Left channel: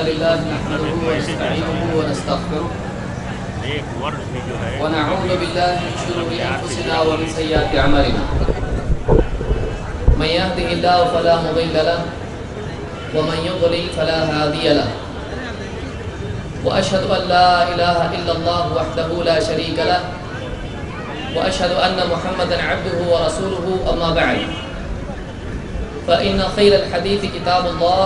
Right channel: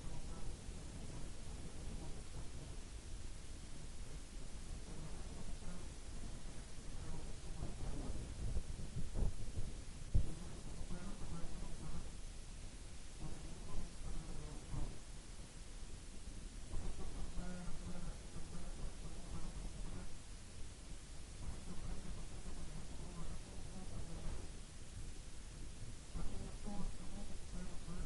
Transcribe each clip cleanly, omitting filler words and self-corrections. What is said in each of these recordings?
لله نحمده ونستعينه ونستغفره ونعوذ بالله من شرور أنفسنا ومن سيئات أعمالنا من يهده الله فلا مضل له ومن يضلل فلا هادي له وأشهد أن لا إله إلا الله وحده لا شريك له وأشهد أن محمدا عبده ورسوله أما بعد فإن خير الحديث كتاب الله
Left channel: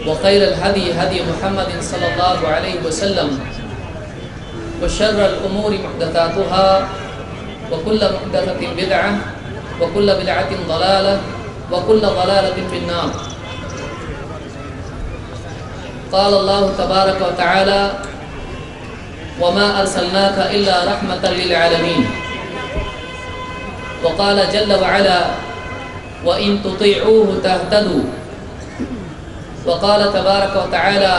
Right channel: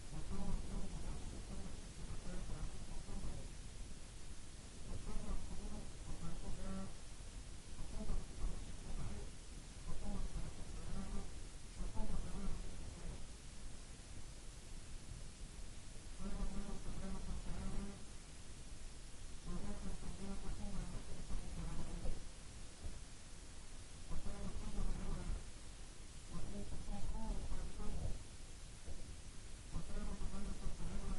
وخير الهدي هدي محمد صلى الله عليه وسلم وشر الأمور محدثاتها وكل محدثة بدعة وكل بدعة ضلالة وكل ضلالة في النار. قال الله تبارك وتعالى وما أرسلناك إلا رحمة للعالمين. وقال جل وعلا وإن تطيعوه تهتدوا. وقال تبارك وتعالى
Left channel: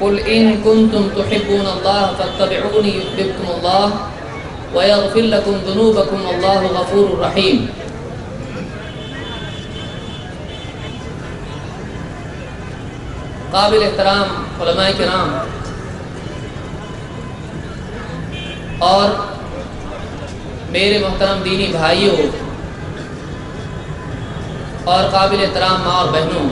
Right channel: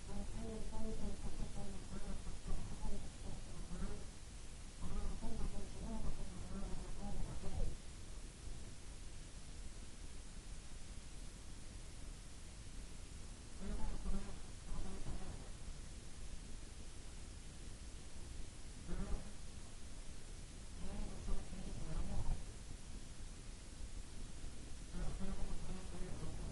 قل إن كنتم تحبون الله فاتبعوني يحببكم الله ويغفر لكم ذنوبكم والله غفور رحيم. قابل احترام علماء کرام اور میرے محترم دینی بھائیوں اور قابل احترام ماں اور بہنوں،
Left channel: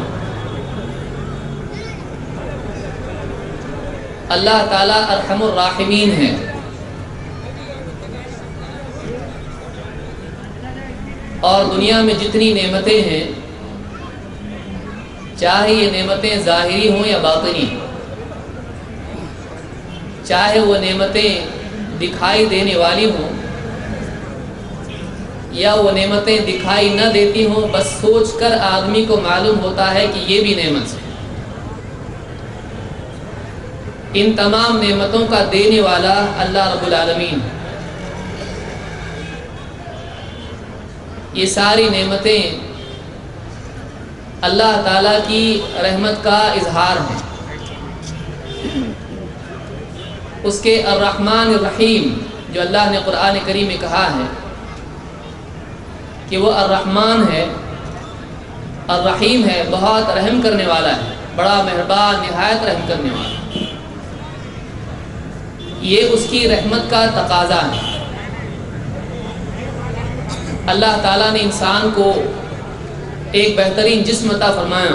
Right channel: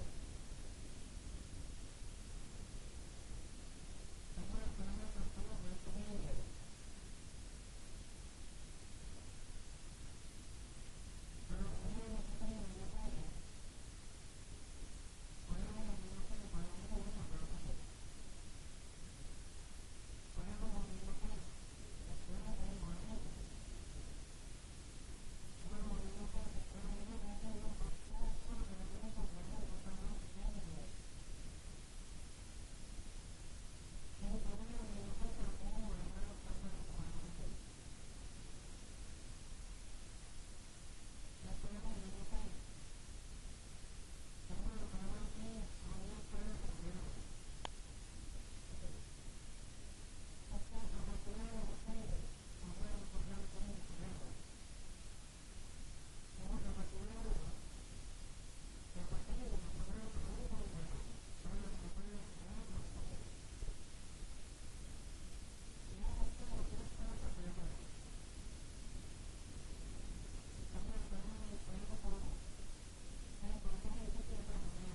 اللہ تعالیٰ ارحم الراحمین ہے. اور دنیا میں جتنی نعمتیں ہیں، چاہے یہ نعمتیں ظاہری ہوں یا باطنی، چاہے وہ نعمتیں دکھائی دینے والی ہوں یا وہ نعمتیں دکھائی نہ دیتی ہوں، بس سوچ کر آدمی کو معلوم ہوتا ہے کہ یہ بھی نعمت ہے. ان تمام نعمتوں کا دینے والا اللہ رب العالمین. یہ ساری نعمتیں اللہ تعالیٰ کی رحمت کا اظہار ہیں. اس کے الرحمن الرحیم جو اللہ نے قرآن کریم میں کہا ہے کہ وہ الرحمن ہے، الرحیم ہے، بہت رحم کرنے والا ہے، بڑا مہربان، نہایت رحم کرنے والا. یہ اس کی رحمت کا تقاضا ہے. اللہ تعالیٰ نے انسان کو ایک بہترین جسم عطا فرمایا.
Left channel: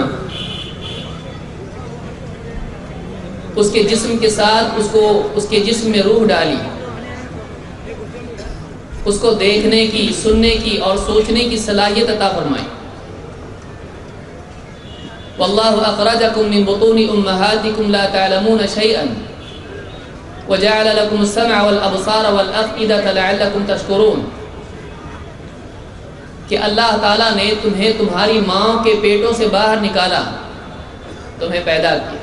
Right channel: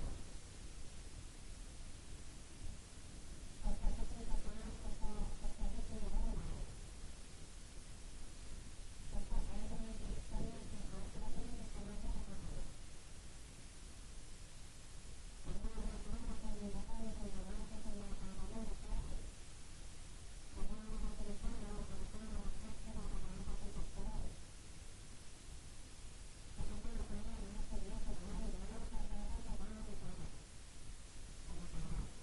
اس کے جسم کے ساتھ اس کے جسم میں روح ڈالی، اس کو دیکھنے کی، سننے کی اور سوچنے کی صلاحیت عطا فرمائی. واللہ اخرجکم من بطون امہاتکم لا تعلمون شیئا وجعل لكم السمع والابصار والافئدة لعلكم تشکرون. کہ اللہ تعالیٰ نے تمہیں تمہاری ماں کے پیٹوں سے باہر نکالا، تمہیں پیدا کیا،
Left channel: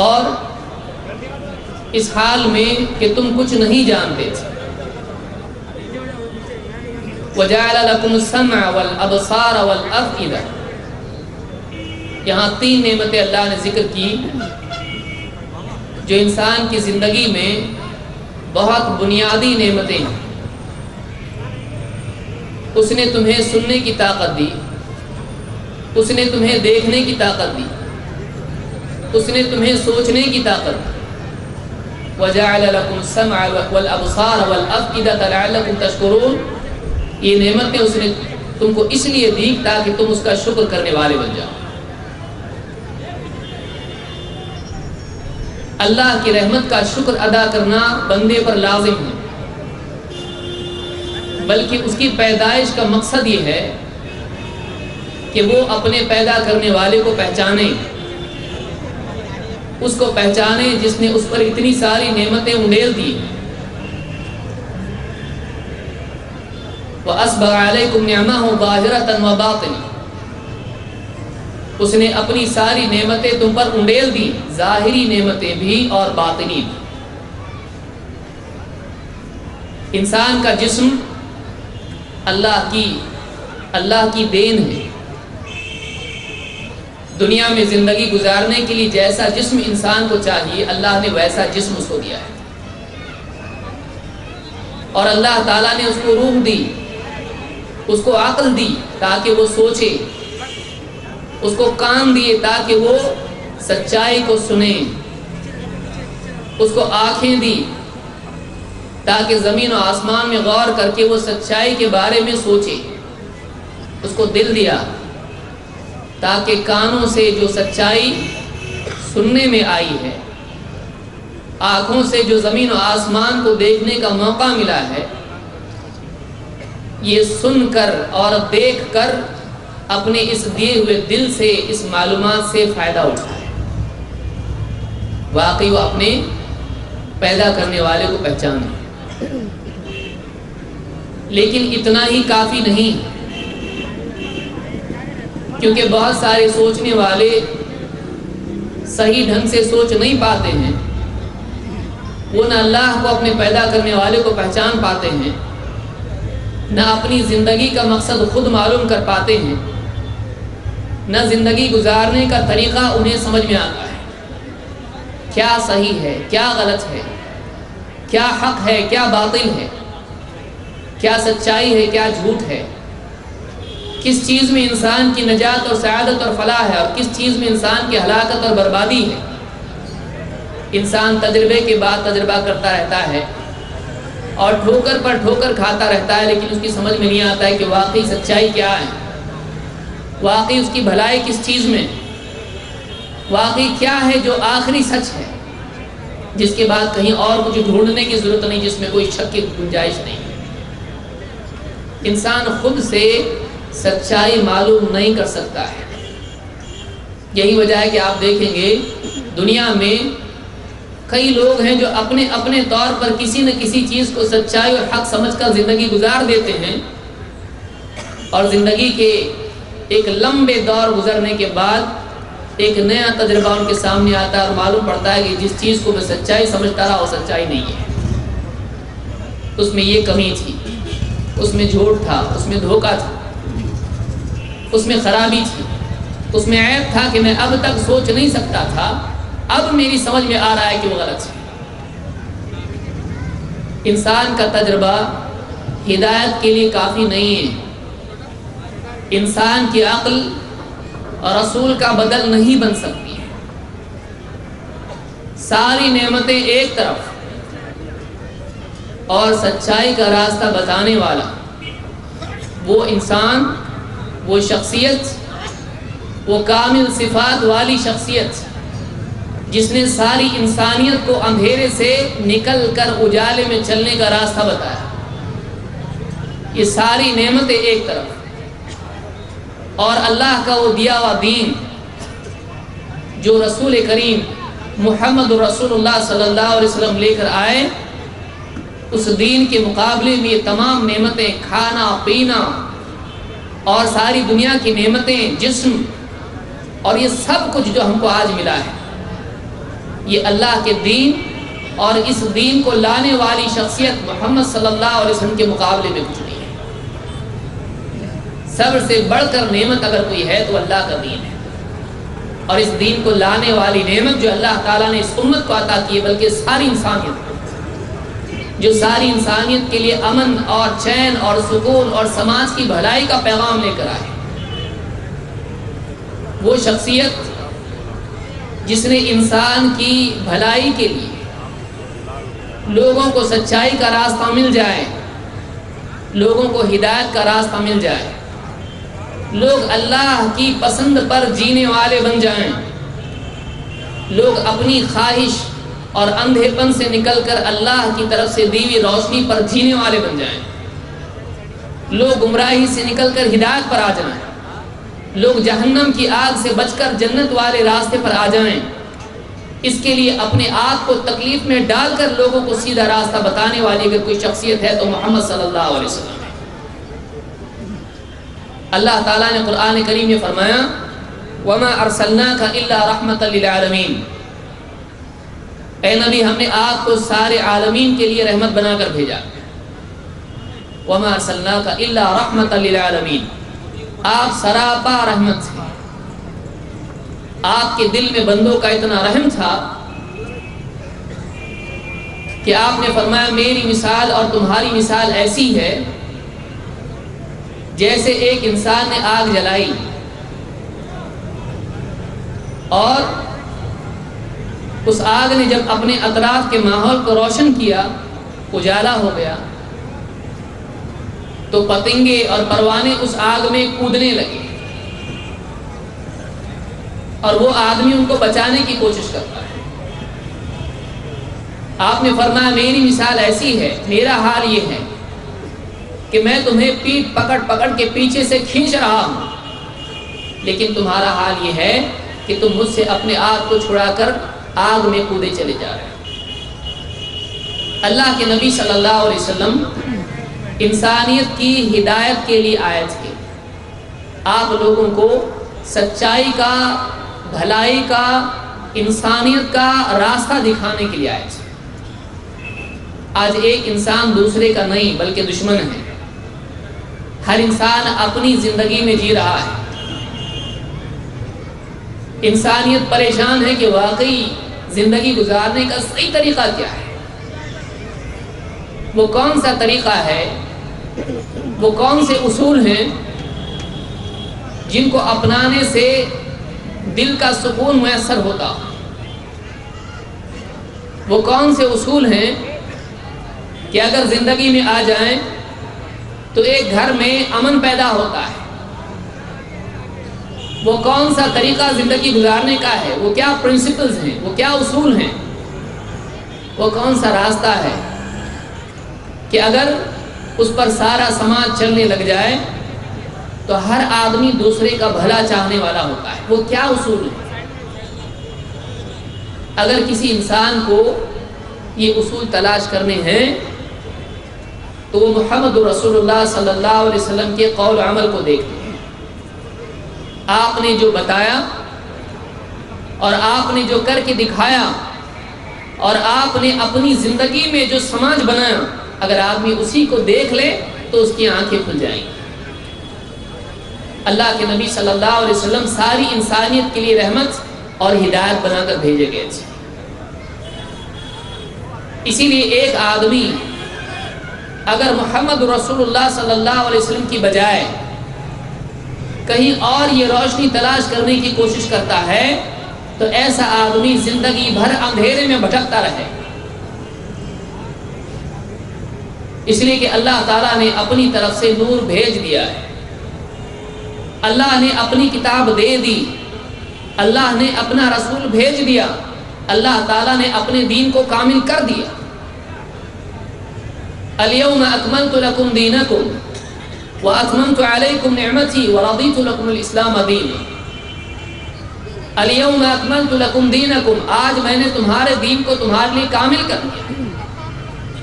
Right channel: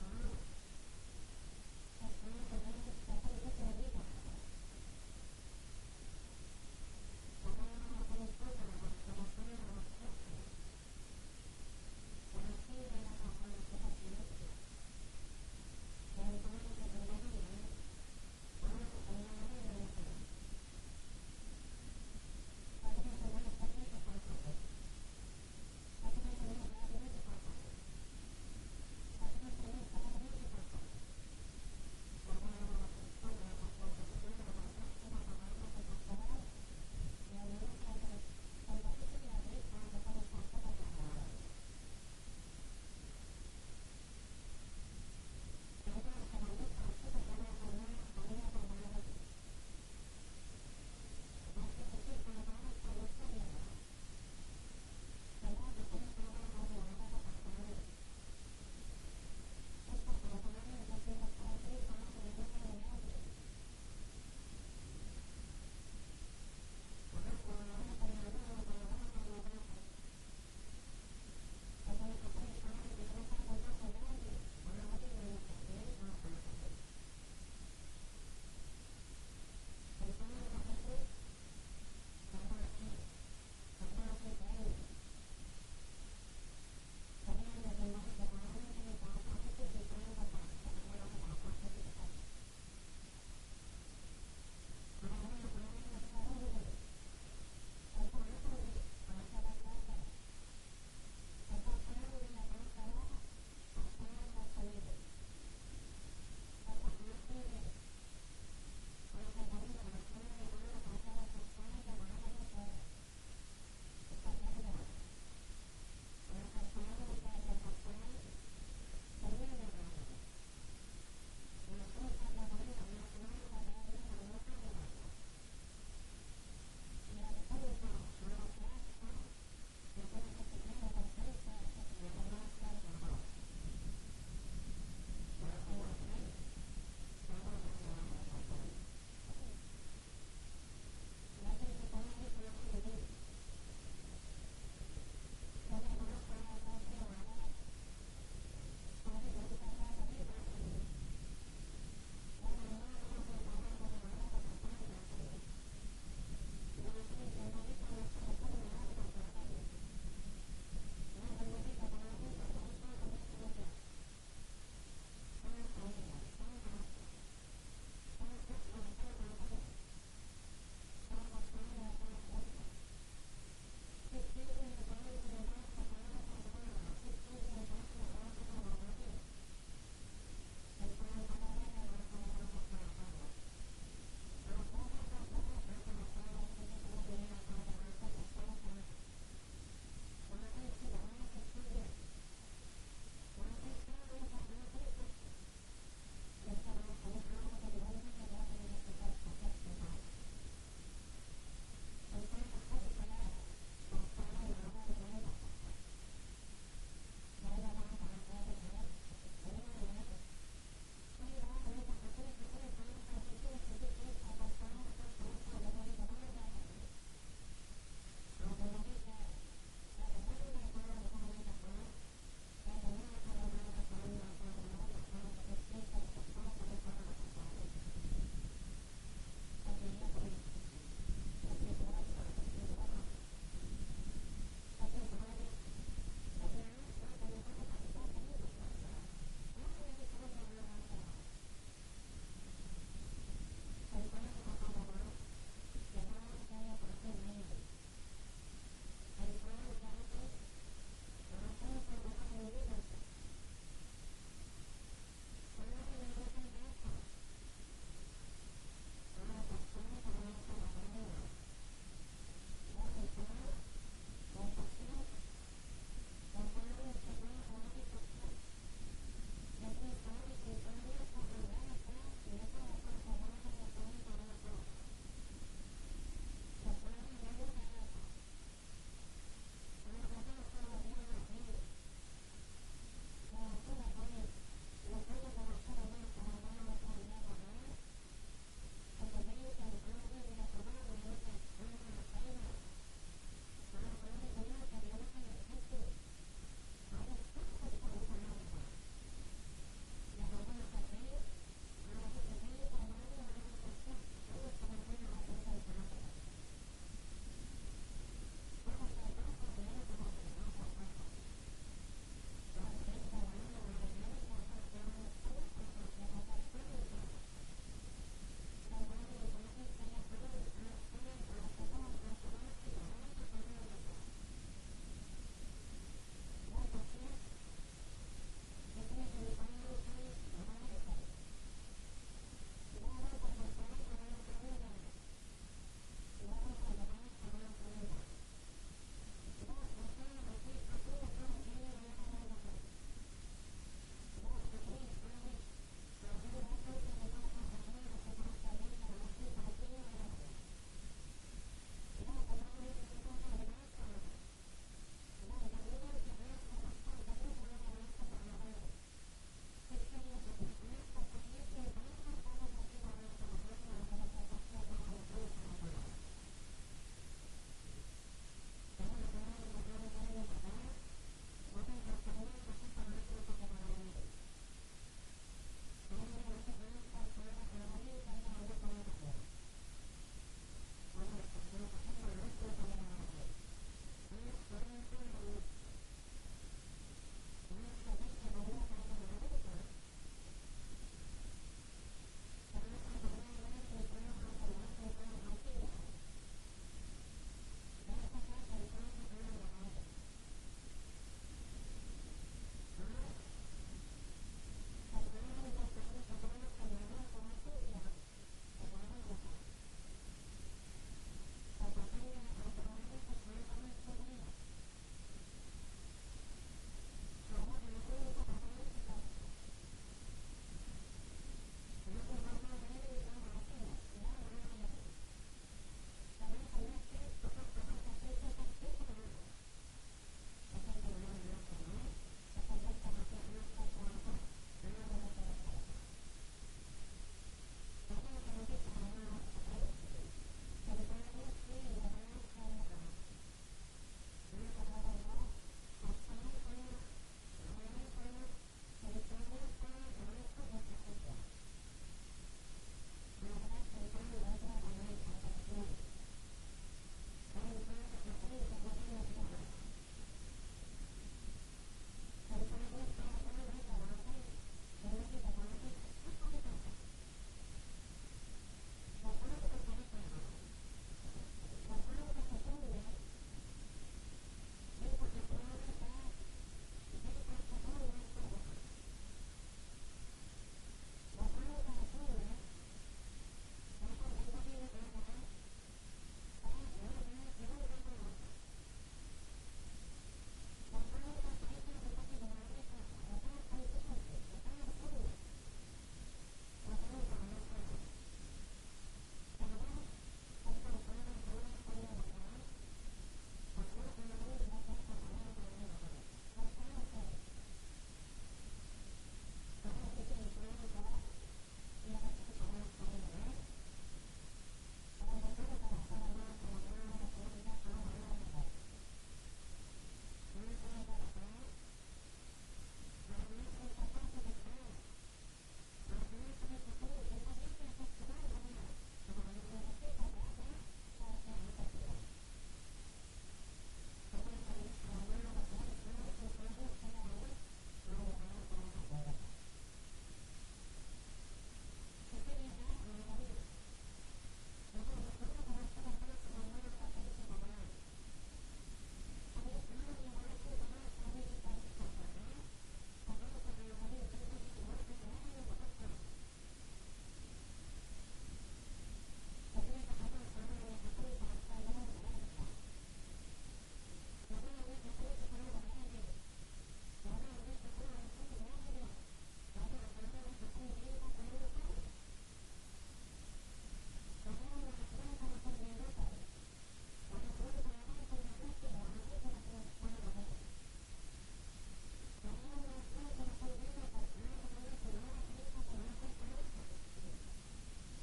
اور اس حال میں کہ تم کچھ نہیں جانتے تھے. وَجَعَلَ لَكُمُ السَّمْعَ وَالْأَبْصَارَ وَالْأَفْئِدَةَ. یہاں 3 نعمتیں اللہ نے ذکر کی جو انسان کی زندگی میں بہت بنیادی نعمتیں ہیں. اس نے تمہیں سننے کی طاقت دی، اس نے تمہیں دیکھنے کی طاقت دی، اس نے تمہیں سوچنے کی طاقت دی. وَجَعَلَ لَكُمُ السَّمْعَ وَالْأَبْصَارَ وَالْأَفْئِدَةَ لَعَلَّكُمْ تَشْكُرُونَ. یہ نعمتیں اس نے تم کو اس لیے دی تاکہ تم اس کا شکر کرنے والے بن جاؤ. اللہ کی رحمت کا شکر ادا کرنا بندے پر لازم ہے، بلکہ اس کی پیدائش کا مقصد یہ ہے کہ وہ اپنے پیدا کرنے والے کو پہچانے، اس کو پہچانے جس نے اس پر اتنی ساری نعمتیں انڈیل دی. وَأَسْبَغَ عَلَيْكُمْ نِعْمَهُ ظَاهِرَةً وَبَاطِنًا. اس نے اپنی ساری نعمتیں تم پر انڈیل دی، ظاہری نعمتیں بھی اور باطنی بھی. انسان کا جسم اللہ کی دین ہے. دنیا میں زندگی گزارنے کے لیے جیسا جسم انسان کو چاہیے، اللہ نے ویسا جسم اس کو دیا ہے. اور اللہ تعالیٰ نے اس کو روح دی، اس کو عقل دی تاکہ وہ سوچے، اس کو کان دیے تاکہ وہ سچائی کو سنے، اس کو آنکھیں دی تاکہ زمین و آسمان میں غور کر کے وہ سچائی کے بارے میں سوچے، اس کو دل دیا تاکہ کانوں سے جو سچائی سننے میں آئی ہے، آنکھوں سے جو زمین و آسمان کو دیکھنے کا موقع ملا ہے، یہ سن کر اور دیکھ کر اپنے اس دیے ہوئے دل سے اس معلومات سے فائدہ اٹھائے۔ واقعی وہ اپنے پیدا کرنے والے کو پہچانے، لیکن اتنا ہی کافی نہیں، کیونکہ بہت سارے سوچنے والے صحیح ڈھنگ سے سوچ نہیں پاتے ہیں، وہ نہ اللہ کو اپنے پیدا کرنے والے کو پہچان پاتے ہیں، نہ اپنی زندگی کا مقصد خود معلوم کر پاتے ہیں، نہ زندگی گزارنے کا طریقہ انہیں سمجھ میں آتا ہے، کیا صحیح ہے، کیا غلط ہے، کیا حق ہے، کیا باطل ہے، کیا سچائی ہے، کیا جھوٹ ہے، کس چیز میں انسان کی نجات اور سعادت اور فلاح ہے اور کس چیز میں انسان کی ہلاکت اور بربادی ہے۔ انسان تجربے کے بعد تجربہ کرتا رہتا ہے اور ٹھوکر پر ٹھوکر کھاتا رہتا ہے، لیکن اس کی سمجھ میں نہیں آتا ہے کہ واقعی سچائی کیا ہے، واقعی اس کی بھلائی کس چیز میں، واقعی کیا ہے جو آخری سچ ہے، جس کے بعد کہیں اور کچھ ڈھونڈنے کی ضرورت نہیں، جس میں کوئی شک کی گنجائش نہیں۔ انسان خود سے سچائی معلوم نہیں کر سکتا ہے۔ یہی وجہ ہے کہ آپ دیکھیں گے دنیا میں کئی لوگ ہیں جو اپنے اپنے طور پر کسی نہ کسی چیز کو سچائی اور حق سمجھ کر زندگی گزار دیتے ہیں، اور زندگی کے ایک لمبے دور گزرنے کے بعد ایک نیا تجربہ ان کے سامنے آتا ہے اور معلوم پڑتا ہے کہ جس چیز کو میں سچائی سمجھتا رہا وہ سچائی نہیں ہے، اس میں یہ کمی تھی، اس میں جھوٹ تھا، اس میں دھوکہ تھا، اس میں خرابی تھی، اس میں عیب تھا کہ میں اب تک سوچ نہیں سکتا تھا، اب میری سمجھ میں آ رہا ہے کہ وہ غلط ہے۔ انسان کا تجربہ ہدایت کے لیے کافی نہیں ہے، انسان کی عقل اور رسول کا بدل نہیں بن سکتی ہے۔ ساری نعمتیں ایک طرف اور سچائی کا راستہ بتانے والا وہ انسان، وہ شخصیت، وہ کامل صفات والی شخصیت جس نے ساری انسانیت کو اندھیرے سے نکل کر اجالے میں چلنے کا راستہ بتایا۔ یہ ساری نعمتیں ایک طرف اور اللہ کا وہ دیا ہوا دین جو رسول کریم محمد رسول اللہ صلی اللہ علیہ وسلم لے کر آئے، اس دین کے مقابلے میں یہ تمام نعمتیں، کھانا پینا اور ساری دنیا کی نعمتیں، جسم اور یہ سب کچھ جو ہم کو آج ملا ہے، یہ اللہ کے دین اور اس دین کو لانے والی شخصیت محمد صلی اللہ علیہ وسلم کے مقابلے میں کچھ نہیں ہے۔ سب سے بڑھ کر نعمت اگر کوئی ہے تو اللہ کا دین ہے، اور اس دین کو لانے والی نعمت جو اللہ تعالیٰ نے اس امت کو عطا کی ہے، بلکہ ساری انسانیت کو، جو ساری انسانیت کے لیے امن اور چین اور سکون اور سماج کی بھلائی کا پیغام لے کر آئے، وہ شخصیت جس نے انسان کی بھلائی کے لیے لوگوں کو سچائی کا راستہ مل جائے، لوگوں کو ہدایت کا راستہ مل جائے، لوگ اللہ کی پسند پر جینے والے بن جائیں، لوگ اپنی خواہش اور اندھے پن سے نکل کر اللہ کی طرف سے دی ہوئی روشنی پر جینے والے بن جائیں، لوگ گمراہی سے نکل کر ہدایت پر آ جائیں، لوگ جہنم کی آگ سے بچ کر جنت والے راستے پر آ جائیں۔ اس کے لیے اپنے آپ کو تکلیف میں ڈال کر لوگوں کو سیدھا راستہ بتانے والی اگر کوئی شخصیت ہے تو محمد صلی اللہ علیہ وسلم ہے۔ اللہ تعالیٰ نے قرآن کریم میں فرمایا وَمَا أَرْسَلْنَاكَ إِلَّا رَحْمَةً لِلْعَالَمِينَ، اے نبی ہم نے آپ کو سارے عالمین کے لیے رحمت بنا کر بھیجا۔ وَمَا أَرْسَلْنَاكَ إِلَّا رَحْمَةً لِلْعَالَمِينَ، آپ سراپا رحمت ہیں۔ آپ کے دل میں بندوں کا اتنا رحم تھا کہ آپ نے فرمایا میری مثال اور تمہاری مثال ایسی ہے جیسے ایک انسان نے آگ جلائی اور اس آگ نے جب اپنے اطراف کے ماحول کو روشن کیا، اجالا ہو گیا، تو پتنگے اور پروانے اس آگ میں کودنے لگے اور وہ آدمی ان کو بچانے کی کوشش کرتا ہے۔ آپ نے فرمایا میری مثال ایسی ہے، میرا حال یہ ہے کہ میں تمہیں پیٹ پکڑ پکڑ کے پیچھے سے کھینچ رہا ہوں، لیکن تمہارا حال یہ ہے کہ تم مجھ سے اپنے آپ کو چھڑا کر آگ میں کودے چلے جا رہے ہیں۔ اللہ کے نبی صلی اللہ علیہ وسلم انسانیت کی ہدایت کے لیے آئے تھے، آپ لوگوں کو سچائی کا، بھلائی کا، انسانیت کا راستہ دکھانے کے لیے آئے تھے۔ آج ایک انسان دوسرے کا نہیں بلکہ دشمن ہے، ہر انسان اپنی زندگی میں جی رہا ہے، انسانیت پریشان ہے کہ واقعی زندگی گزارنے کا صحیح طریقہ کیا ہے، وہ کون سا طریقہ ہے، وہ کون سے اصول ہیں جن کو اپنانے سے دل کا سکون میسر ہوتا، وہ کون سے اصول ہیں کہ اگر زندگی میں آ جائیں تو ایک گھر میں امن پیدا ہوتا ہے، وہ کون سا طریقہ زندگی گزارنے کا ہے، وہ کیا پرنسپلز ہیں، وہ کیا اصول ہیں، وہ کون سا راستہ ہے کہ اگر اس پر سارا سماج چلنے لگ جائے تو ہر آدمی دوسرے کا بھلا چاہنے والا ہوتا ہے، وہ کیا اصول ہے۔ اگر کسی انسان کو یہ اصول تلاش کرنے ہیں تو وہ محمد رسول اللہ صلی اللہ علیہ وسلم کے قول و عمل کو دیکھتے ہیں۔ آپ نے جو بتایا اور آپ نے جو کر کے دکھایا اور آپ نے اپنی زندگی میں جو سماج بنایا، اگر آدمی اسی کو دیکھ لے تو اس کی آنکھیں کھل جائیں گی۔ اللہ کے نبی صلی اللہ علیہ وسلم ساری انسانیت کے لیے رحمت اور ہدایت بنا کر بھیجے گئے تھے۔ اسی لیے ایک آدمی اگر محمد رسول اللہ صلی اللہ علیہ وسلم کی بجائے کہیں اور یہ روشنی تلاش کرنے کی کوشش کرتا ہے تو ایسا آدمی زندگی بھر اندھیرے میں بھٹکتا رہے، اس لیے کہ اللہ تعالیٰ نے اپنی طرف سے نور بھیج دیا ہے، اللہ نے اپنی کتاب دے دی، اللہ نے اپنا رسول بھیج دیا، اللہ تعالیٰ نے اپنے دین کو کامل کر دیا۔ اليوم اکملت لکم دینکم واتممت علیکم نعمتی ورضیت لکم الاسلام دینا۔ اليوم اکملت لکم دینکم، آج میں نے تمہارے دین کو تمہارے لیے کامل کر دیا،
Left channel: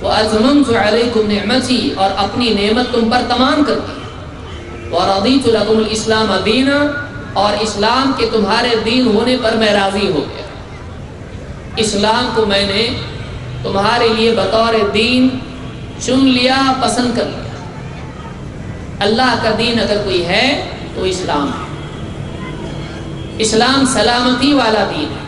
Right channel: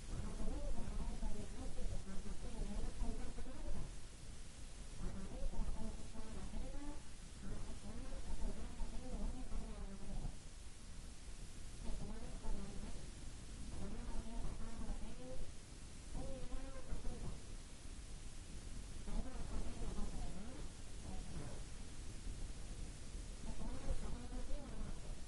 واتممت علیکم نعمتی، اور اپنی نعمت تم پر تمام کر دی، ورضیت لکم الاسلام دینا، اور اسلام کے تمہارے دین ہونے پر میں راضی ہو گیا۔ اسلام کو میں نے تمہارے لیے بطور دین چن لیا، پسند کر لیا۔ اللہ کا دین اگر کوئی ہے تو اسلام ہے، اسلام سلامتی والا دین ہے۔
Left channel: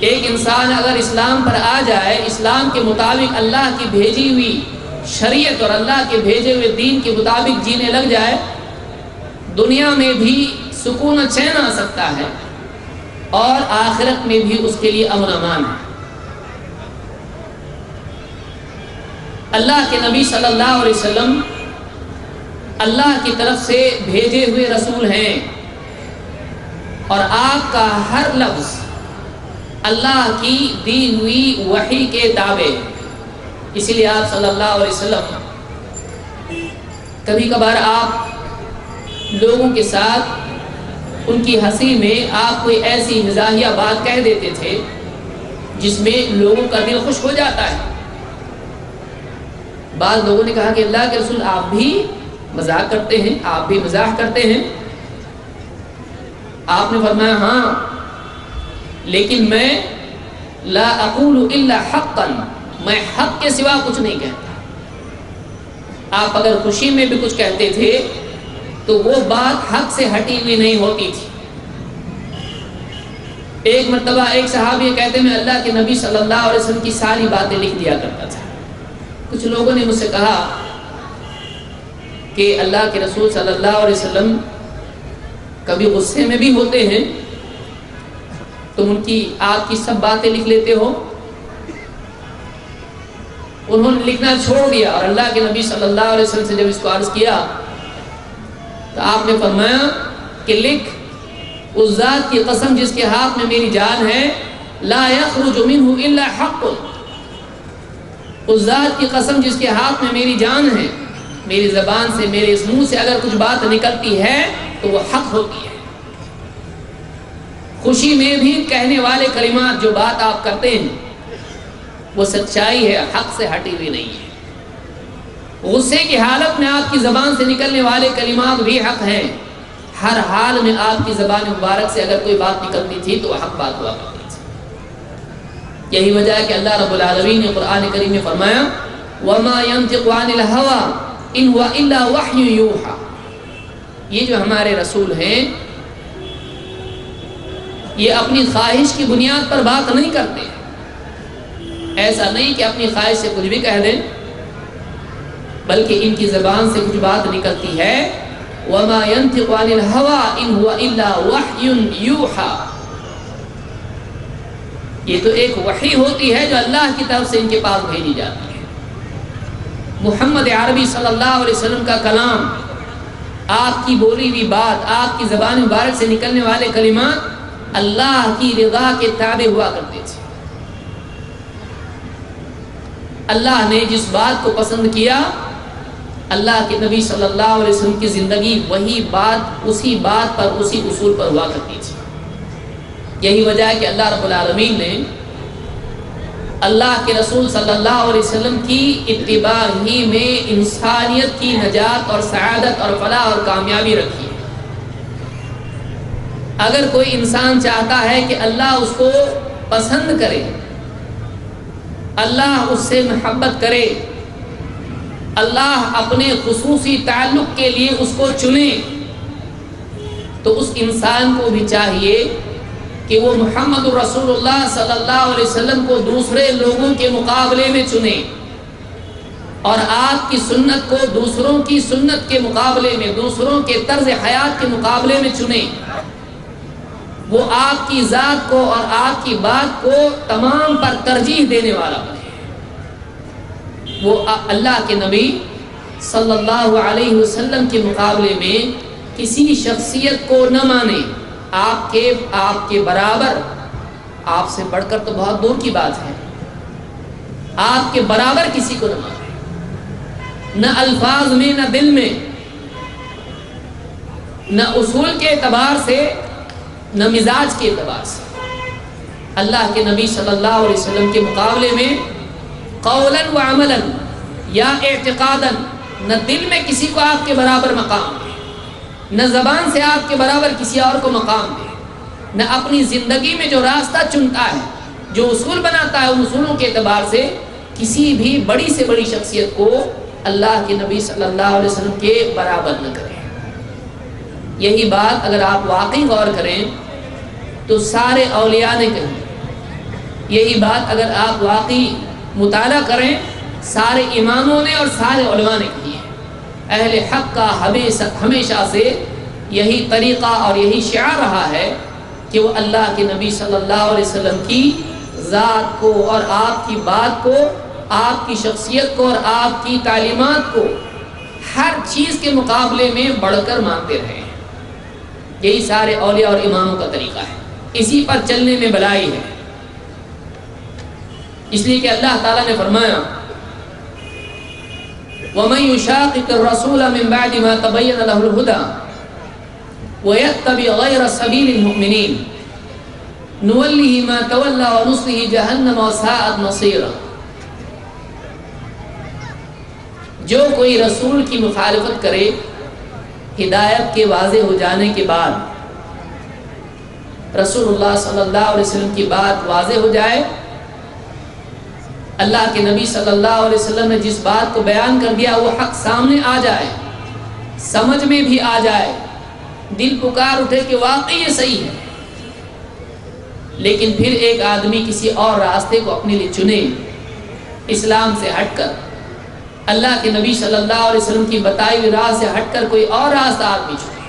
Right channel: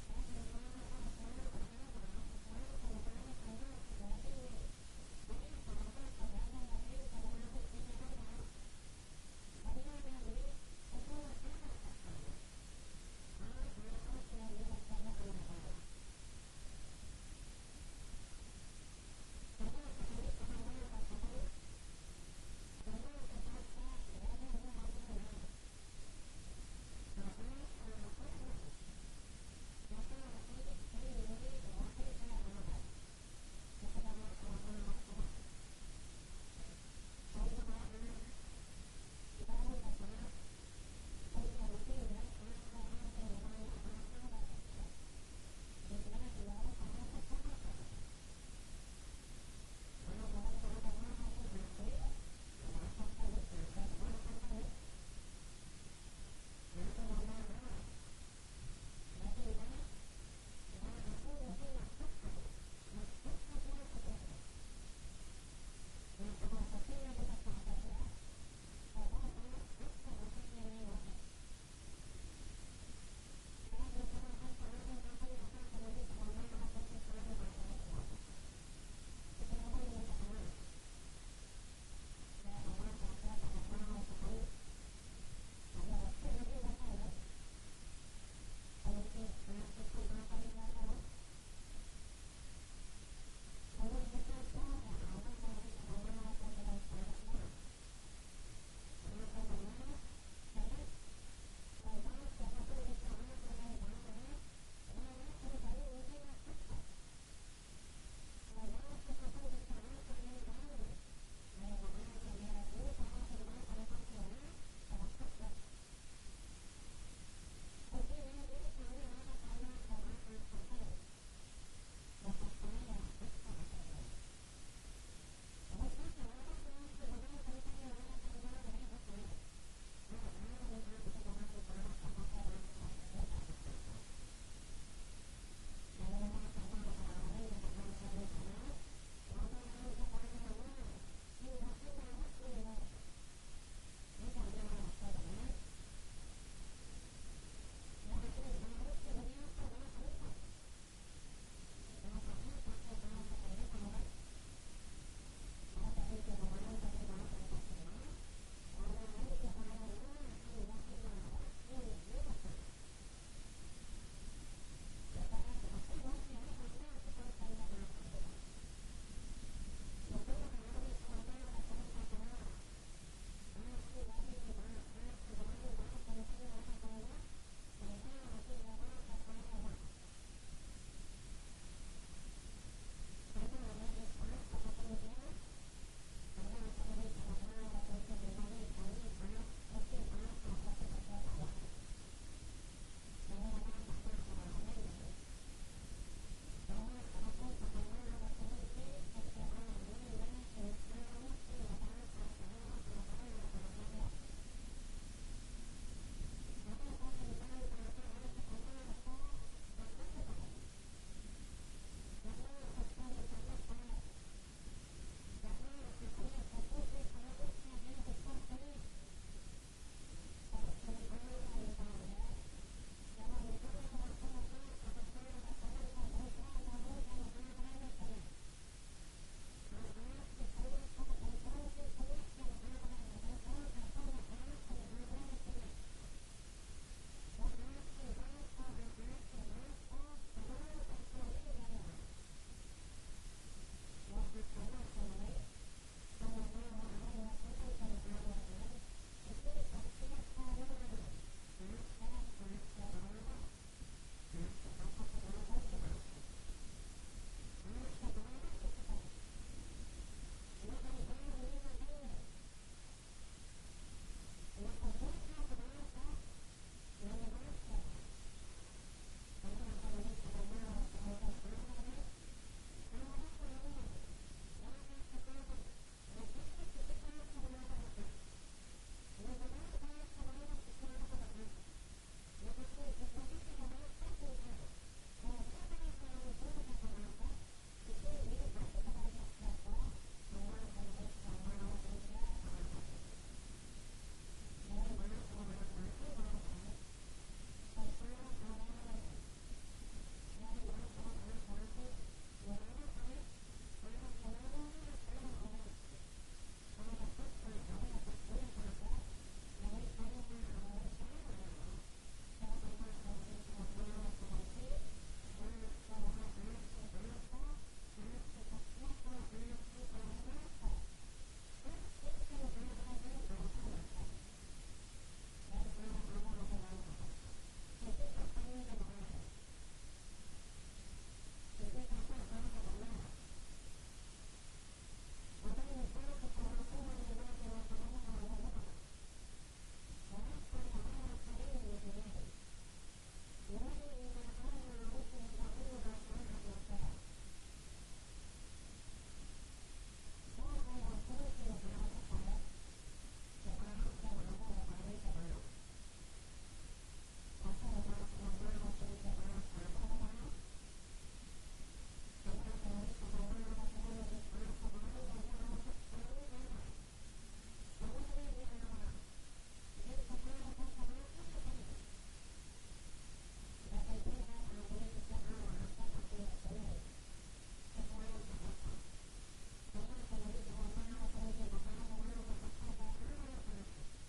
ایک انسان اگر اسلام پر آ جائے، اسلام کے مطابق اللہ کی بھیجی ہوئی شریعت اور اللہ کے بھیجے ہوئے دین کے مطابق جینے لگ جائے، دنیا میں بھی سکون و چین آ سکتا ہے اور آخرت میں بھی اس کے لیے امن و امان ہے۔ اللہ کے نبی صلی اللہ علیہ وسلم اللہ کی طرف سے بھیجے ہوئے رسول ہیں اور آپ کا ہر لفظ اللہ کی دی ہوئی وحی کے تابع، اسی لیے آپ صلی اللہ علیہ وسلم کبھی کبھار آپ لوگوں کے ساتھ ان کی ہنسی میں آپ کوئی ایسی مزاحیہ بات کہہ دیتے تھے جس میں لوگوں کا دل خوش ہو جاتا ہے۔ بعض لوگوں نے کہا کہ اللہ کے رسول آپ بھی مذاق کرتے ہیں، آپ بھی مزاح کرتے ہیں؟ آپ نے فرمایا ہاں، لیکن میں لا اقول الا حقا، میں حق کے سوا کچھ نہیں کہتا۔ آپ اگر خوشی میں بھی کچھ کہتے تھے تو وہ بات حق سے ہٹی ہوئی نہیں ہوتی تھی۔ ایک مرتبہ ایک صحابی کہتے میں اللہ کے نبی صلی اللہ علیہ وسلم کی ساری باتیں لکھ دیا کرتا تھا۔ کچھ لوگوں نے مجھ سے کہا کہ اللہ کے رسول صلی اللہ علیہ وسلم کبھی غصے میں بھی ہوتے ہیں تم آپ کی سب باتیں لکھ لیتے ہو؟ انہوں نے لکھنا چھوڑ دیا، اور اللہ کے نبی صلی اللہ علیہ وسلم سے جب اس کو عرض کیا تو آپ نے فرمایا کہ لکھ، اس ذات کی قسم جس کے ہاتھ میں میری جان ہے، لا یخرج منہ الا حق، اس ذات کی قسم جس کے ہاتھ میں میری جان ہے، میری زبان سے، میرے اس منہ سے اگر کچھ بات نکلتی ہے تو وہ حق ہوتی ہے۔ خوشی میں بھی کہنے والے کلمات جو بات آپ کرتے ہیں وہ سچائی ہے، حق سے ہٹی ہوئی نہیں ہے۔ غصے کی حالت میں آپ کی زبان سے نکلنے والے کلمات بھی حق ہیں، ہر حال میں آپ کی زبان مبارک سے اگر کوئی بات نکلتی تھی تو وہ حق بات ہوا کرتی تھی۔ یہی وجہ ہے کہ اللہ رب العالمین نے قرآن کریم میں فرمایا وَمَا يَنْطِقُ عَنِ الْهَوَىٰ إِنْ هُوَ إِلَّا وَحْيٌ يُوحَىٰ، یہ جو ہمارے رسول ہیں یہ اپنی خواہش کی بنیاد پر بات نہیں کرتے، ایسا نہیں کہ اپنی خواہش سے کچھ بھی کہہ دیں، بلکہ ان کی زبان سے کچھ بات نکلتی ہے وَمَا يَنْطِقُ عَنِ الْهَوَىٰ إِنْ هُوَ إِلَّا وَحْيٌ يُوحَىٰ، یہ تو ایک وحی ہوتی ہے جو اللہ کی طرف سے ان کے پاس بھیجی جاتی ہے۔ محمد عربی صلی اللہ علیہ وسلم کا کلام، آپ کی بولی ہوئی بات، آپ کی زبان مبارک سے نکلنے والے کلمات اللہ کی رضا کے تابع ہوا کرتے تھے۔ اللہ نے جس بات کو پسند کیا، اللہ کے نبی صلی اللہ علیہ وسلم کی زندگی وہی بات، اسی بات پر، اسی اصول پر ہوا کرتی تھی۔ یہی وجہ ہے کہ اللہ رب العالمین نے اللہ کے رسول صلی اللہ علیہ وسلم کی اتباع ہی میں انسانیت کی نجات اور سعادت اور فلاح اور کامیابی رکھی۔ اگر کوئی انسان چاہتا ہے کہ اللہ اس کو پسند کرے، اللہ اس سے محبت کرے، اللہ اپنے خصوصی تعلق کے لیے اس کو چنے، تو اس انسان کو بھی چاہیے کہ وہ محمد رسول اللہ صلی اللہ علیہ وسلم کو دوسرے لوگوں کے مقابلے میں چنے، اور آپ کی سنت کو دوسروں کی سنت کے مقابلے میں، دوسروں کے طرز حیات کے مقابلے میں چنے۔ وہ آپ کی ذات کو اور آپ کی بات کو تمام پر ترجیح دینے والا بنے۔ وہ اللہ کے نبی صلی اللہ علیہ وسلم کے مقابلے میں کسی شخصیت کو نہ مانے، آپ کے برابر، آپ سے بڑھ کر تو بہت دور کی بات ہے، آپ کے برابر کسی کو نہ مانے، نہ الفاظ میں، نہ دل میں، نہ اصول کے اعتبار سے، نہ مزاج کے اعتبار سے۔ اللہ کے نبی صلی اللہ علیہ وسلم کے مقابلے میں قولاً و عملاً یا اعتقاداً، نہ دل میں کسی کو آپ کے برابر مقام دے، نہ زبان سے آپ کے برابر کسی اور کو مقام دے، نہ اپنی زندگی میں جو راستہ چنتا ہے، جو اصول بناتا ہے، ان اصولوں کے اعتبار سے کسی بھی بڑی سے بڑی شخصیت کو اللہ کے نبی صلی اللہ علیہ وسلم کے برابر نہ کریں۔ یہی بات اگر آپ واقعی غور کریں تو سارے اولیاء نے کہی، یہی بات اگر آپ واقعی مطالعہ کریں سارے اماموں نے اور سارے علماء نے کہی ہے۔ اہل حق کا ہمیشہ سے یہی طریقہ اور یہی شعار رہا ہے کہ وہ اللہ کے نبی صلی اللہ علیہ وسلم کی ذات کو اور آپ کی بات کو، آپ کی شخصیت کو اور آپ کی تعلیمات کو ہر چیز کے مقابلے میں بڑھ کر مانتے رہے ہیں۔ یہی سارے اولیاء اور اماموں کا طریقہ ہے، اسی پر چلنے میں بھلائی ہے۔ اس لیے کہ اللہ تعالیٰ نے فرمایا وَمَن يُشَاقِقِ الرَّسُولَ مِن بَعْدِ مَا تَبَيَّنَ لَهُ الْهُدَىٰ وَيَتَّبِعْ غَيْرَ سَبِيلِ الْمُؤْمِنِينَ نُوَلِّهِ مَا تَوَلَّىٰ وَنُصْلِهِ جَهَنَّمَ وَسَاءَتْ مَصِيرًا۔ جو کوئی رسول کی مخالفت کرے ہدایت کے واضح ہو جانے کے بعد، رسول اللہ صلی اللہ علیہ وسلم کی بات واضح ہو جائے، اللہ کے نبی صلی اللہ علیہ وسلم نے جس بات کو بیان کر دیا وہ حق سامنے آ جائے، سمجھ میں بھی آ جائے، دل پکار اٹھے کہ واقعی یہ صحیح ہے، لیکن پھر ایک آدمی کسی اور راستے کو اپنے لیے چنے، اسلام سے ہٹ کر، اللہ کے نبی صلی اللہ علیہ وسلم کی بتائی ہوئی راہ سے ہٹ کر کوئی اور راستہ آدمی چنے،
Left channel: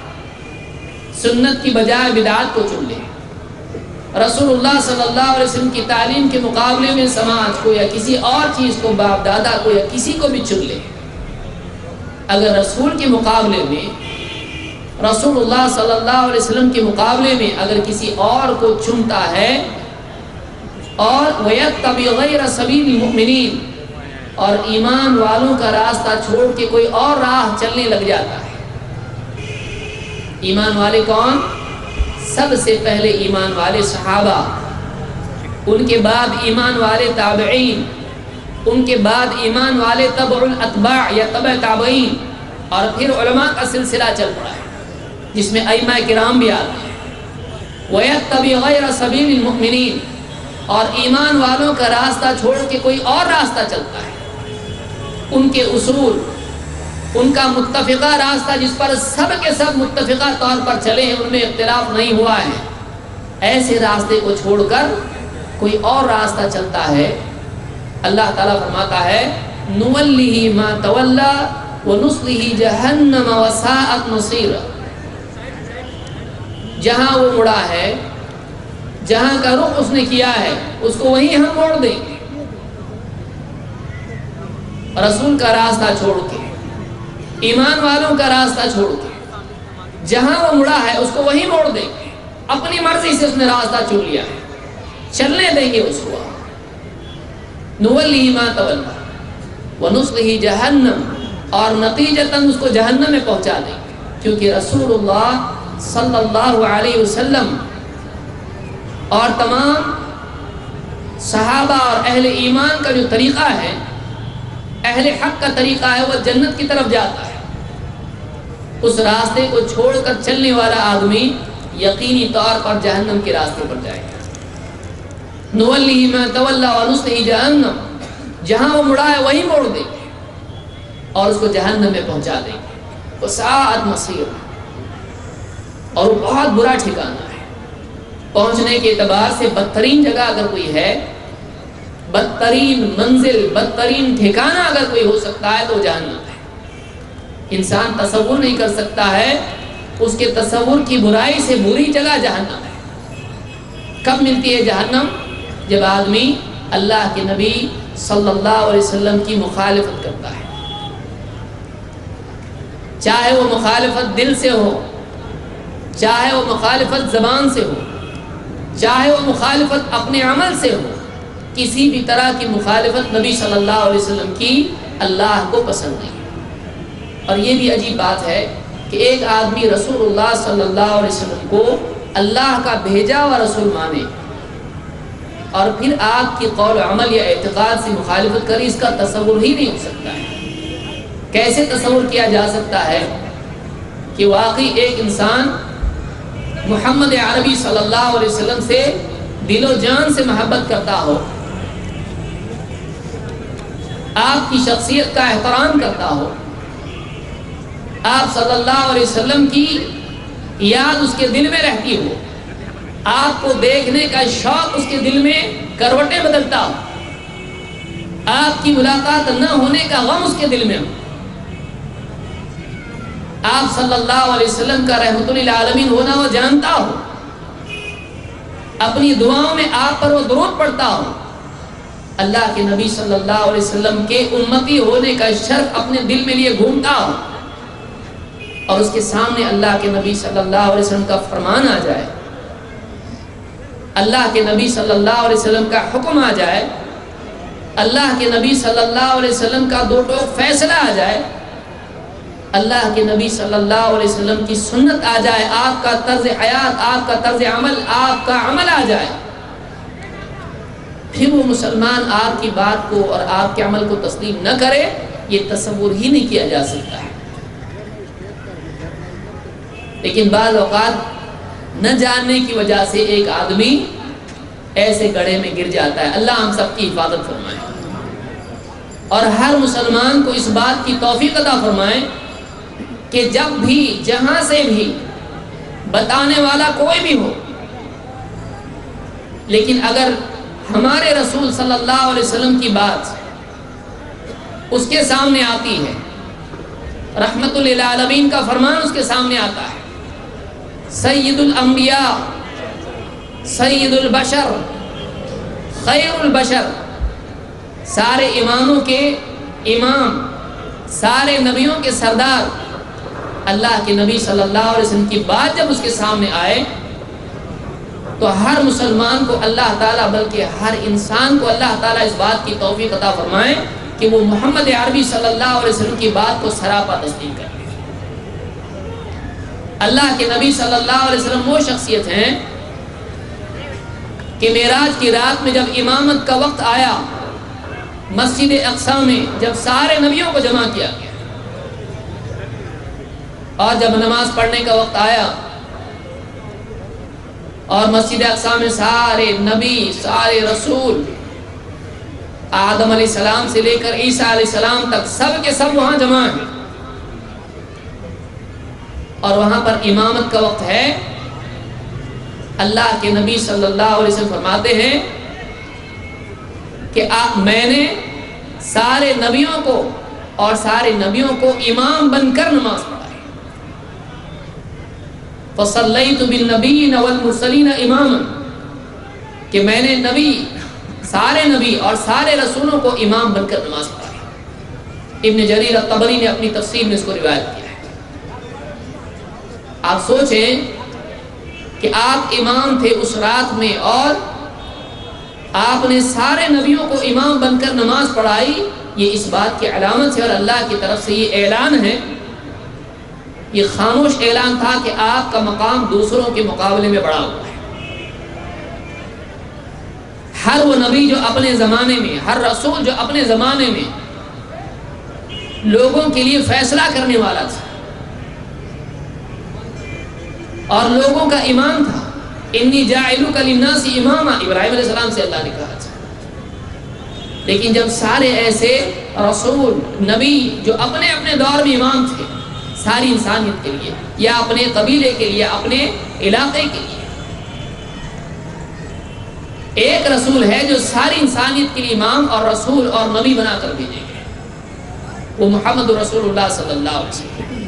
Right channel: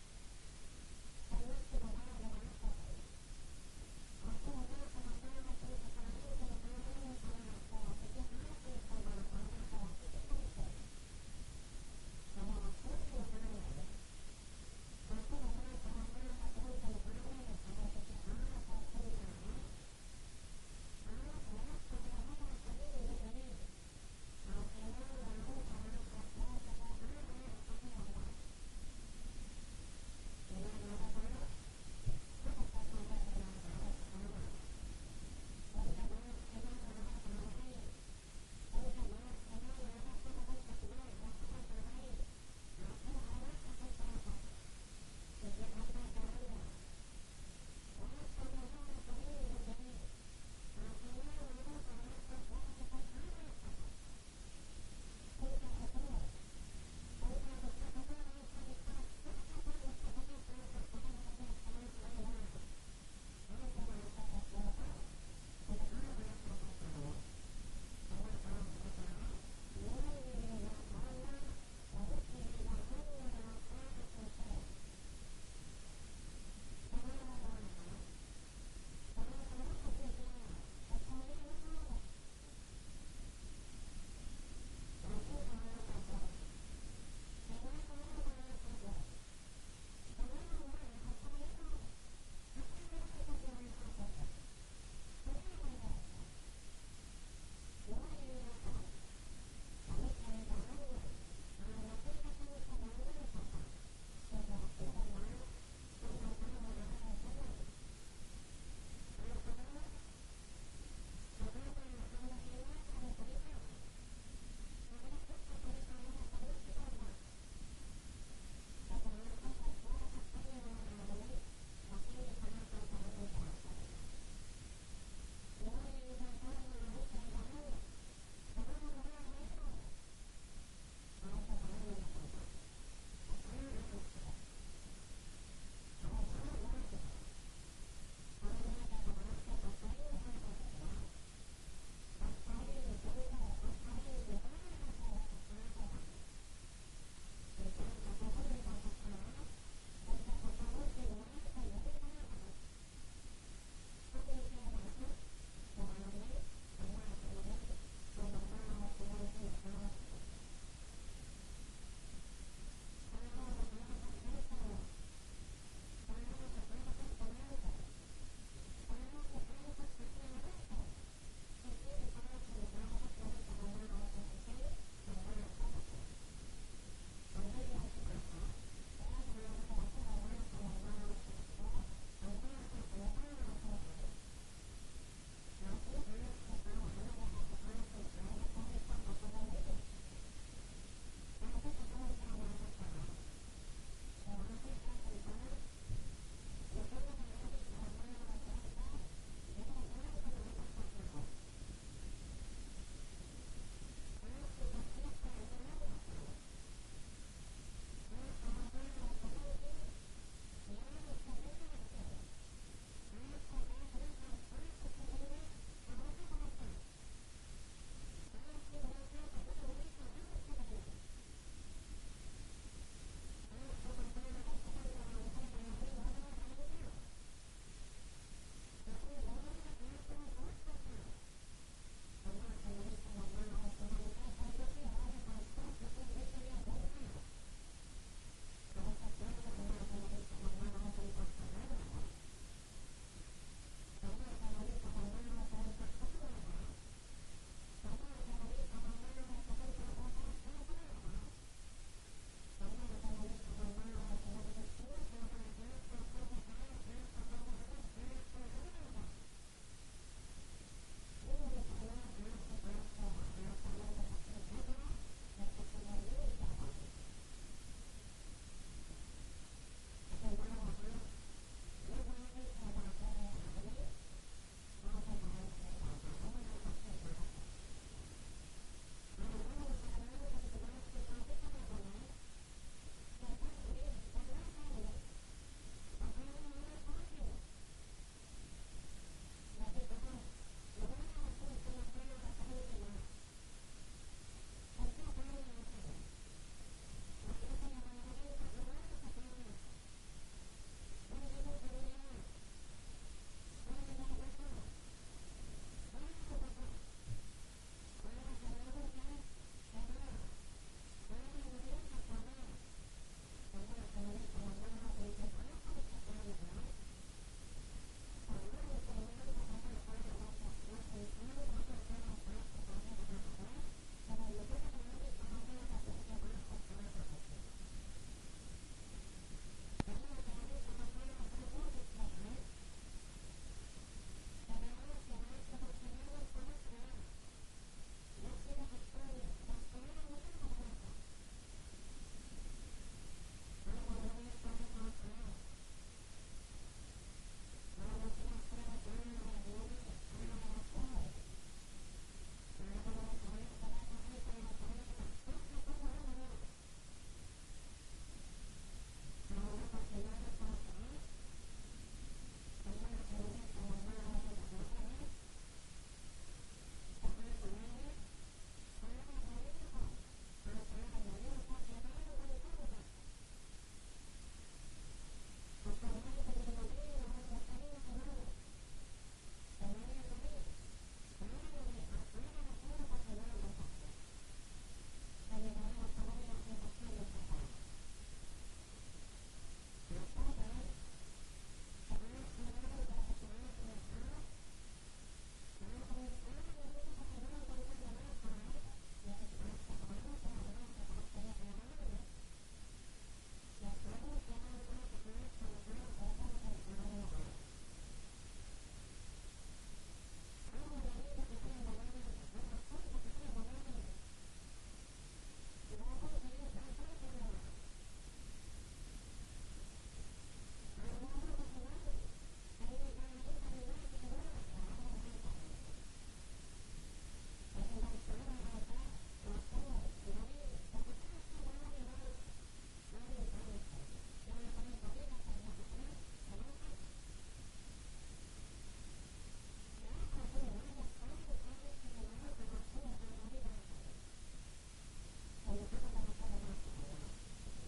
سنت کی بجائے بدعت کو چن لے، رسول اللہ صلی اللہ علیہ وسلم کی تعلیم کے مقابلے میں سماج کو یا کسی اور چیز کو، باپ دادا کو یا کسی کو بھی چن لے، اگر رسول کے مقابلے میں، رسول اللہ صلی اللہ علیہ وسلم کے مقابلے میں اگر کسی اور کو چنتا ہے اور وَيَتَّبِعْ غَيْرَ سَبِيلِ الْمُؤْمِنِينَ، اور ایمان والوں کا راستہ چھوڑ کے کوئی اور راہ چلنے لگ جاتا ہے۔ ایمان والے کون؟ سب سے پہلے ایمان والے صحابہ، ان کے بعد ایمان والے تابعین، ان کے بعد ایمان والے تبع الاتباع یا تبع تابعین، اور پھر علماء کا سلسلہ چل پڑا ہے جس میں ائمہ کرام بھی آتے ہیں۔ وَيَتَّبِعْ غَيْرَ سَبِيلِ الْمُؤْمِنِينَ، اور ایمان والوں کا راستہ چھوڑ کے کوئی اور راستہ چلتا ہے، ان کے اصول، ان کا متفقہ راستہ جس پر سب کے سب متفقہ طور پر چلے ہیں، ان میں اختلاف نہیں ہوا ہے، ایسے راستے کو چھوڑ کر کوئی اور راستہ چلتا ہے، اللہ تعالیٰ فرماتا ہے نُوَلِّهِ مَا تَوَلَّى وَنُصْلِهِ جَهَنَّمَ وَسَاءَتْ مَصِيرًا، جہاں وہ مڑا ہے، جہاں کا رخ اس نے کیا ہے، اس کو وہیں ہم موڑ دیں گے۔ رسول کا راستہ چھوڑ کے، ایمان والوں کا راستہ چھوڑ کے، جہاں وہ مڑا ہے اس کو وہیں موڑ دیں گے۔ اپنی مرضی سے اس نے راستہ چن لیا ہے، چلنے دیں گے اس کو۔ نُوَلِّهِ مَا تَوَلَّى وَنُصْلِهِ جَهَنَّمَ، اور نتیجتاً اس کو جہنم میں پہنچا دیں گے، کیونکہ رسول اللہ صلی اللہ علیہ وسلم اور تمام صحابہ اور اہل ایمان کا جو طریقہ ہے، اہل حق کا طریقہ ہے، وہ جنت کی طرف جاتا ہے۔ اس راستے کو چھوڑ کر چلنے والا آدمی یقینی طور پر جہنم کے راستے پر جائے گا۔ نُوَلِّهِ مَا تَوَلَّى وَنُصْلِهِ جَهَنَّمَ، جہاں وہ مڑا ہے وہیں موڑ دیں گے اور اس کو جہنم میں پہنچا دیں گے۔ وَسَاءَتْ مَصِيرًا، اور وہ بہت برا ٹھکانہ ہے۔ پہنچنے کے اعتبار سے بدترین جگہ اگر کوئی ہے، بدترین منزل، بدترین ٹھکانہ اگر کوئی ہو سکتا ہے تو جہنم ہے۔ انسان تصور نہیں کر سکتا ہے، اس کے تصور کی برائی سے بری جگہ جہنم ہے۔ کب ملتی ہے جہنم؟ جب آدمی اللہ کے نبی صلی اللہ علیہ وسلم کی مخالفت کرتا ہے، چاہے وہ مخالفت دل سے ہو، چاہے وہ مخالفت زبان سے ہو، چاہے وہ مخالفت اپنے عمل سے ہو، کسی بھی طرح کی مخالفت نبی صلی اللہ علیہ وسلم کی اللہ کو پسند نہیں۔ اور یہ بھی عجیب بات ہے کہ ایک آدمی رسول اللہ صلی اللہ علیہ وسلم کو اللہ کا بھیجا ہوا رسول مانے اور پھر آپ کی قول و عمل یا اعتقاد سے مخالفت کرے، اس کا تصور ہی نہیں ہو سکتا ہے۔ کیسے تصور کیا جا سکتا ہے کہ واقعی ایک انسان محمد عربی صلی اللہ علیہ وسلم سے دل و جان سے محبت کرتا ہو، آپ کی شخصیت کا احترام کرتا ہو، آپ صلی اللہ علیہ وسلم کی یاد اس کے دل میں رہتی ہو، آپ کو دیکھنے کا شوق اس کے دل میں کروٹیں بدلتا ہو، آپ کی ملاقات نہ ہونے کا غم اس کے دل میں ہو، آپ صلی اللہ علیہ وسلم کا رحمت للعالمین ہونا وہ جانتا ہو، اپنی دعاؤں میں آپ پر وہ درود پڑھتا ہو، اللہ کے نبی صلی اللہ علیہ وسلم کے امتی ہونے کا شرف اپنے دل میں لیے گھومتا ہو، اور اس کے سامنے اللہ کے نبی صلی اللہ علیہ وسلم کا فرمان آ جائے، اللہ کے نبی صلی اللہ علیہ وسلم کا حکم آ جائے، اللہ کے نبی صلی اللہ علیہ وسلم کا دو ٹوک فیصلہ آ جائے، اللہ کے نبی صلی اللہ علیہ وسلم کی سنت آ جائے، آپ کا طرز حیات، آپ کا طرز عمل، آپ کا عمل آ جائے، پھر وہ مسلمان آپ کی بات کو اور آپ کے عمل کو تسلیم نہ کرے، یہ تصور ہی نہیں کیا جا سکتا ہے۔ لیکن بعض اوقات نہ جاننے کی وجہ سے ایک آدمی ایسے گڑھے میں گر جاتا ہے۔ اللہ ہم سب کی حفاظت فرمائے اور ہر مسلمان کو اس بات کی توفیق عطا فرمائے کہ جب بھی جہاں سے بھی بتانے والا کوئی بھی ہو، لیکن اگر ہمارے رسول صلی اللہ علیہ وسلم کی بات اس کے سامنے آتی ہے، رحمت للعالمین کا فرمان اس کے سامنے آتا ہے، سید الانبیاء سید البشر، خیر البشر، سارے اماموں کے امام، سارے نبیوں کے سردار، اللہ کے نبی صلی اللہ علیہ وسلم کی بات جب اس کے سامنے آئے تو ہر مسلمان کو اللہ تعالیٰ، بلکہ ہر انسان کو اللہ تعالیٰ اس بات کی توفیق عطا فرمائے کہ وہ محمد عربی صلی اللہ علیہ وسلم کی بات کو سراپا تسلیم کرے۔ اللہ کے نبی صلی اللہ علیہ وسلم وہ شخصیت ہیں کہ معراج کی رات میں جب امامت کا وقت آیا، مسجد اقصی میں جب سارے نبیوں کو جمع کیا گیا اور جب نماز پڑھنے کا وقت آیا اور مسجد اقصی میں سارے نبی، سارے رسول، آدم علیہ السلام سے لے کر عیسیٰ علیہ السلام تک سب کے سب وہاں جمع ہیں اور وہاں پر امامت کا وقت ہے، اللہ کے نبی صلی اللہ علیہ وسلم فرماتے ہیں کہ میں نے سارے نبیوں کو اور سارے نبیوں کو امام بن کر نماز پڑھائی۔ فَصَلَّيْتُ بِالنَّبِيِّينَ وَالْمُرْسَلِينَ إِمَامًا، کہ میں نے سارے نبی اور سارے رسولوں کو امام بن کر نماز پڑھائی۔ ابن جریر الطبری نے اپنی تفسیر میں اس کو روایت کیا ہے۔ آپ سوچیں کہ آپ امام تھے اس رات میں اور آپ نے سارے نبیوں کو امام بن کر نماز پڑھائی، یہ اس بات کی علامت ہے اور اللہ کی طرف سے یہ اعلان ہے، یہ خاموش اعلان تھا کہ آپ کا مقام دوسروں کے مقابلے میں بڑا ہوا ہے۔ ہر وہ نبی جو اپنے زمانے میں، ہر رسول جو اپنے زمانے میں لوگوں کے لیے فیصلہ کرنے والا تھا اور لوگوں کا امام تھا، انی جاعلک للناس اماما، ابراہیم علیہ السلام سے اللہ نے کہا تھا، لیکن جب سارے ایسے رسول نبی جو اپنے اپنے دور میں امام تھے ساری انسانیت کے لیے یا اپنے قبیلے کے لیے، اپنے علاقے کے لیے، ایک رسول ہے جو ساری انسانیت کے لیے امام اور رسول اور نبی بنا کر بھیجے گئے، وہ محمد رسول اللہ صلی اللہ علیہ وسلم،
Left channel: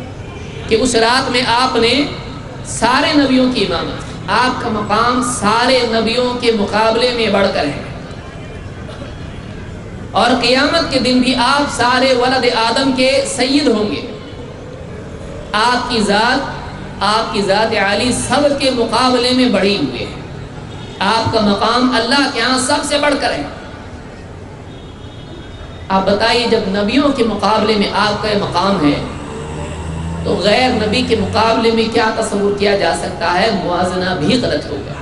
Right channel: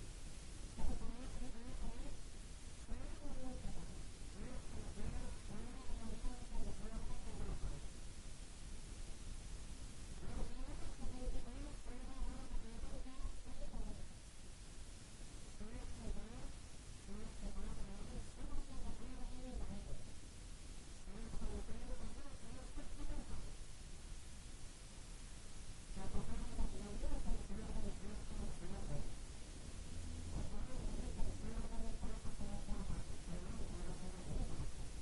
کہ اس رات میں آپ نے سارے نبیوں کی امامت، آپ کا مقام سارے نبیوں کے مقابلے میں بڑھ کر ہے، اور قیامت کے دن بھی آپ سارے ولد آدم کے سید ہوں گے۔ آپ کی ذات عالی سب کے مقابلے میں بڑھی ہوئی ہے، آپ کا مقام اللہ کے ہاں سب سے بڑھ کر ہے۔ آپ بتائیے جب نبیوں کے مقابلے میں آپ کا یہ مقام ہے تو غیر نبی کے مقابلے میں کیا تصور کیا جا سکتا ہے؟ موازنہ بھی غلط ہوگا،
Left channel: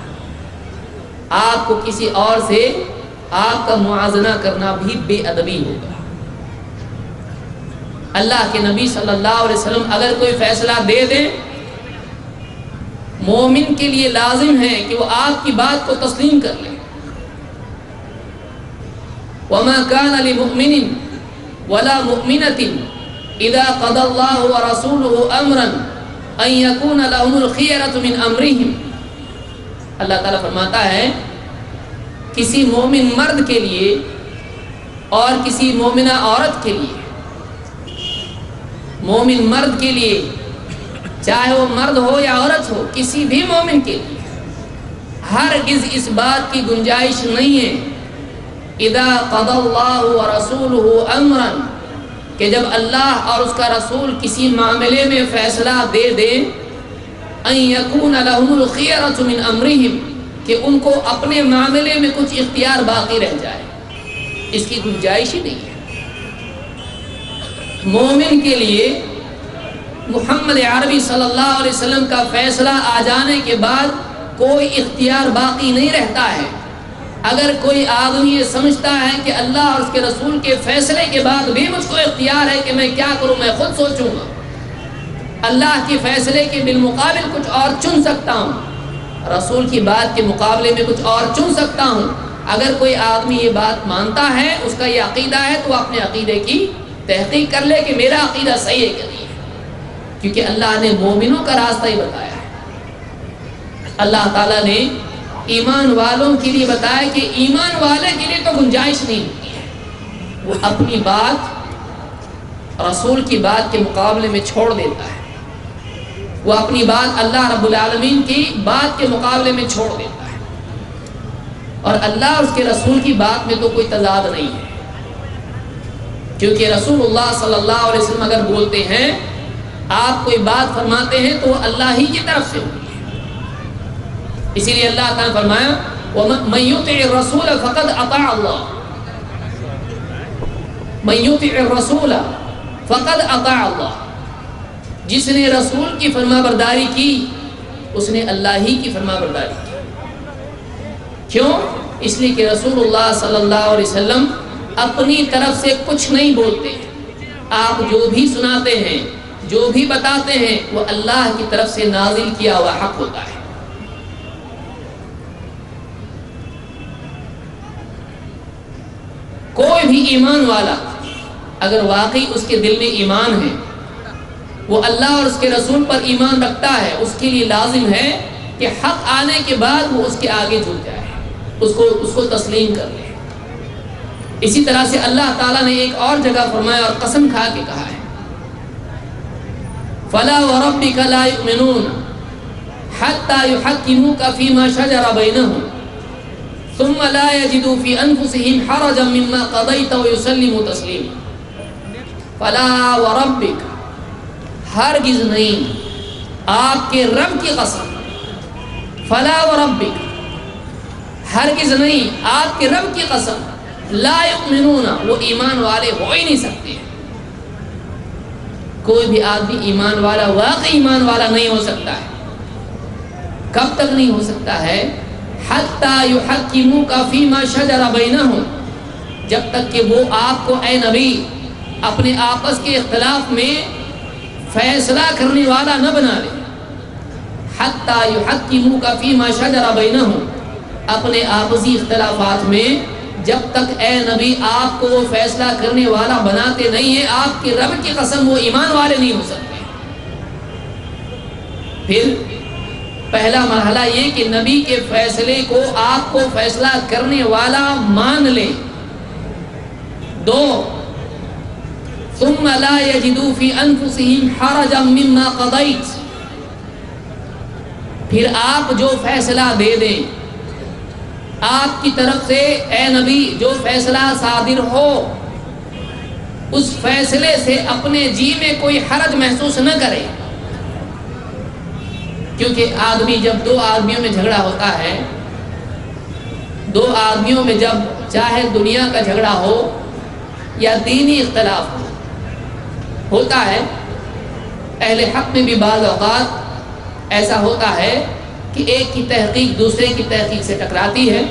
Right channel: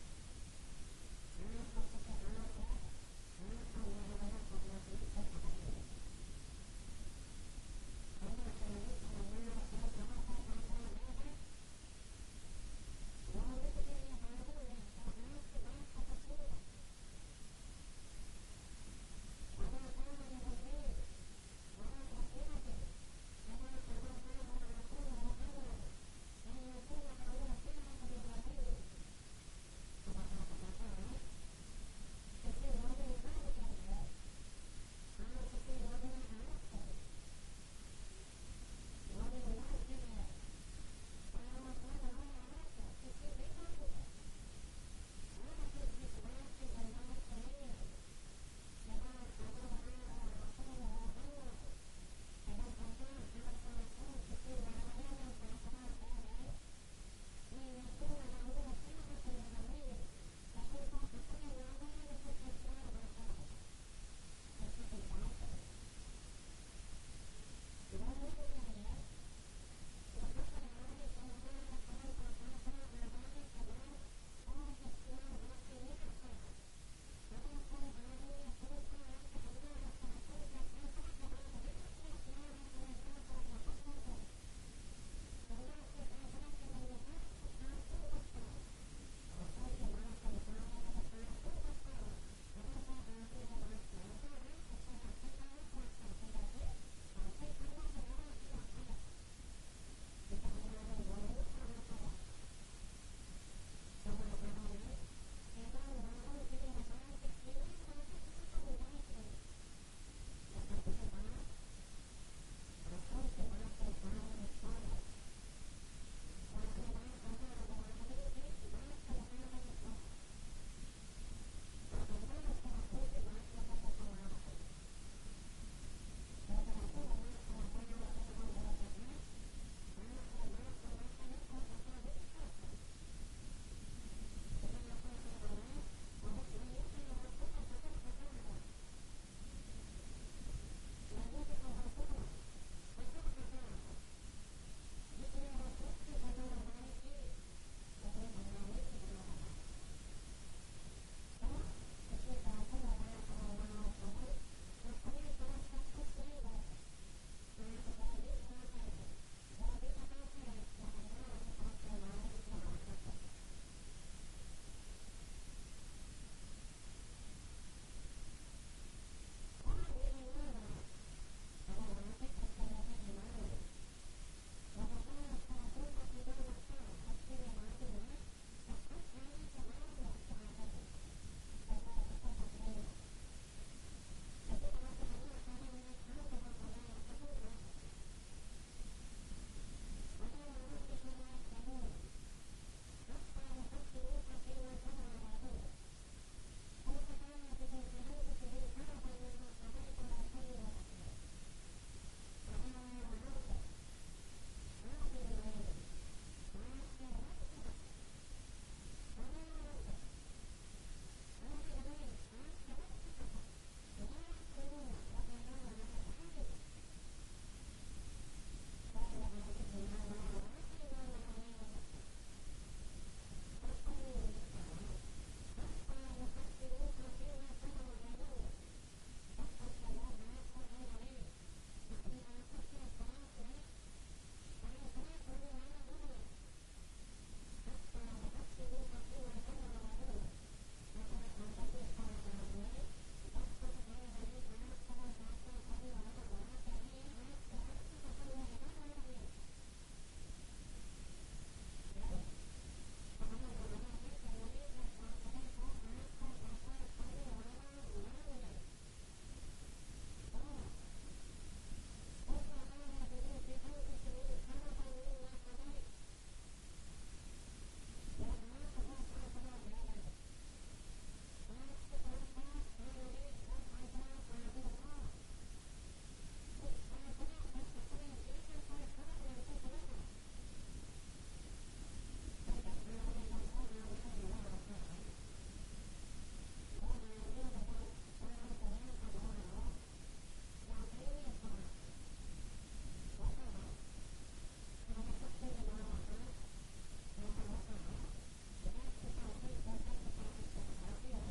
آپ کو کسی اور سے آپ کا موازنہ کرنا بھی بے ادبی ہوگا۔ اللہ کے نبی صلی اللہ علیہ وسلم اگر کوئی فیصلہ دے دیں، مومن کے لیے لازم ہے کہ وہ آپ کی بات کو تسلیم کر لے۔ وَمَا كَانَ لِمُؤْمِنٍ وَلَا مُؤْمِنَةٍ اذا قضى الله ورسوله امرا ان يكون لهم الخيرة من امرهم، اللہ تعالیٰ فرماتا ہے کسی مومن مرد کے لیے اور کسی مومنہ عورت کے لیے، مومن مرد کے لیے چاہے وہ مرد ہو یا عورت ہو، کسی بھی مومن کے لیے ہرگز اس بات کی گنجائش نہیں ہے اذا قضى الله ورسوله امرا، کہ جب اللہ اور اس کا رسول کسی معاملے میں فیصلہ دے دیں، ان یکون لهم الخیرۃ من امرہم، کہ ان کو اپنے معاملے میں کچھ اختیار باقی رہ جائے، اس کی گنجائش ہی نہیں ہے۔ مومن کے لیے محمد عربی صلی اللہ علیہ وسلم کا فیصلہ آ جانے کے بعد کوئی اختیار باقی نہیں رہتا ہے۔ اگر کوئی آدمی یہ سمجھتا ہے کہ اللہ اور اس کے رسول کے فیصلے کے بعد بھی مجھ کو اختیار ہے کہ میں کیا کروں، میں خود سوچوں گا، اللہ کے فیصلے کے بالمقابل کچھ اور چن سکتا ہوں، رسول کی بات کے مقابلے میں کچھ اور چن سکتا ہوں، اگر کوئی آدمی یہ بات مانتا ہے، اس کا یہ عقیدہ ہے، تو وہ اپنے عقیدے کی تحقیق کر لے کہ میرا عقیدہ صحیح ہے کہ نہیں ہے، کیونکہ اللہ نے مومنوں کا راستہ ہی بتایا ہے۔ اللہ تعالیٰ نے ایمان والوں کے لیے بتایا کہ ایمان والے کے لیے تو گنجائش نہیں ہوتی ہے، وہ اپنی بات رسول کی بات کے مقابلے میں چھوڑ دیتا ہے، وہ اپنی بات اللہ رب العالمین کی بات کے مقابلے میں چھوڑ دیتا ہے۔ اور اللہ اور اس کے رسول کی بات میں تو کوئی تضاد نہیں ہے، کیونکہ رسول اللہ صلی اللہ علیہ وسلم اگر بولتے ہیں، آپ کوئی بات فرماتے ہیں تو وہ اللہ ہی کی طرف سے ہوتی ہے۔ اسی لیے اللہ تعالیٰ نے فرمایا وَمَن يُطِعِ الرَّسُولَ فَقَدْ أَطَاعَ اللَّهَ، مَن يُطِعِ الرَّسُولَ فَقَدْ أَطَاعَ اللَّهَ، جس نے رسول کی فرما برداری کی اس نے اللہ ہی کی فرما برداری کی۔ کیوں؟ اس لیے کہ رسول اللہ صلی اللہ علیہ وسلم اپنی طرف سے کچھ نہیں بولتے، آپ جو بھی سناتے ہیں، جو بھی بتاتے ہیں، وہ اللہ کی طرف سے نازل کیا ہوا حق ہوتا ہے۔ کوئی بھی ایمان والا اگر واقعی اس کے دل میں ایمان ہے، وہ اللہ اور اس کے رسول پر ایمان رکھتا ہے، اس کے لیے لازم ہے کہ حق آنے کے بعد وہ اس کے آگے جھک جائے، اس کو تسلیم کر لے۔ اسی طرح سے اللہ تعالیٰ نے ایک اور جگہ فرمایا اور قسم کھا کے کہا ہے فَلَا وَرَبِّكَ لَا يُؤْمِنُونَ حَتَّى يُحَكِّمُوكَ فِي مَا شَجَرَ بَيْنَهُمْ ثُمَّ لَا يَجِدُوا فِي أَنفُسِهِمْ حَرَجًا مِّمَّا قَضَيْتَ وَيُسَلِّمُوا تَسْلِيمًا۔ فَلَا وَرَبِّكَ، ہرگز نہیں، آپ کے رب کی قسم، فَلَا وَرَبِّكَ، ہرگز نہیں، آپ کے رب کی قسم، لا یؤمنون، وہ ایمان والے ہو ہی نہیں سکتے۔ کوئی بھی آدمی ایمان والا، واقعی ایمان والا نہیں ہو سکتا ہے۔ کب تک نہیں ہو سکتا ہے؟ حَتَّى يُحَكِّمُوكَ فِي مَا شَجَرَ بَيْنَهُمْ، جب تک کہ وہ آپ کو اے نبی اپنے آپس کے اختلاف میں فیصلہ کرنے والا نہ بنا لے۔ حَتَّى يُحَكِّمُوكَ فِي مَا شَجَرَ بَيْنَهُمْ، اپنے آپسی اختلافات میں جب تک اے نبی آپ کو وہ فیصلہ کرنے والا بناتے نہیں ہیں، آپ کی رب کی قسم وہ ایمان والے نہیں ہو سکتے۔ پھر پہلا مرحلہ یہ کہ نبی کے فیصلے کو آپ کو فیصلہ کرنے والا مان لے۔ دو، ثم لا يجدوا في انفسهم حرجا مما قضيت، پھر آپ جو فیصلہ دے دیں، آپ کی طرف سے اے نبی جو فیصلہ صادر ہو، اس فیصلے سے اپنے جی میں کوئی حرج محسوس نہ کرے۔ کیونکہ آدمی جب دو آدمیوں میں جھگڑا ہوتا ہے، دو آدمیوں میں جب چاہے دنیا کا جھگڑا ہو یا دینی اختلاف ہوتا ہے، اہل حق میں بھی بعض اوقات ایسا ہوتا ہے کہ ایک کی تحقیق دوسرے کی تحقیق سے ٹکراتی ہے،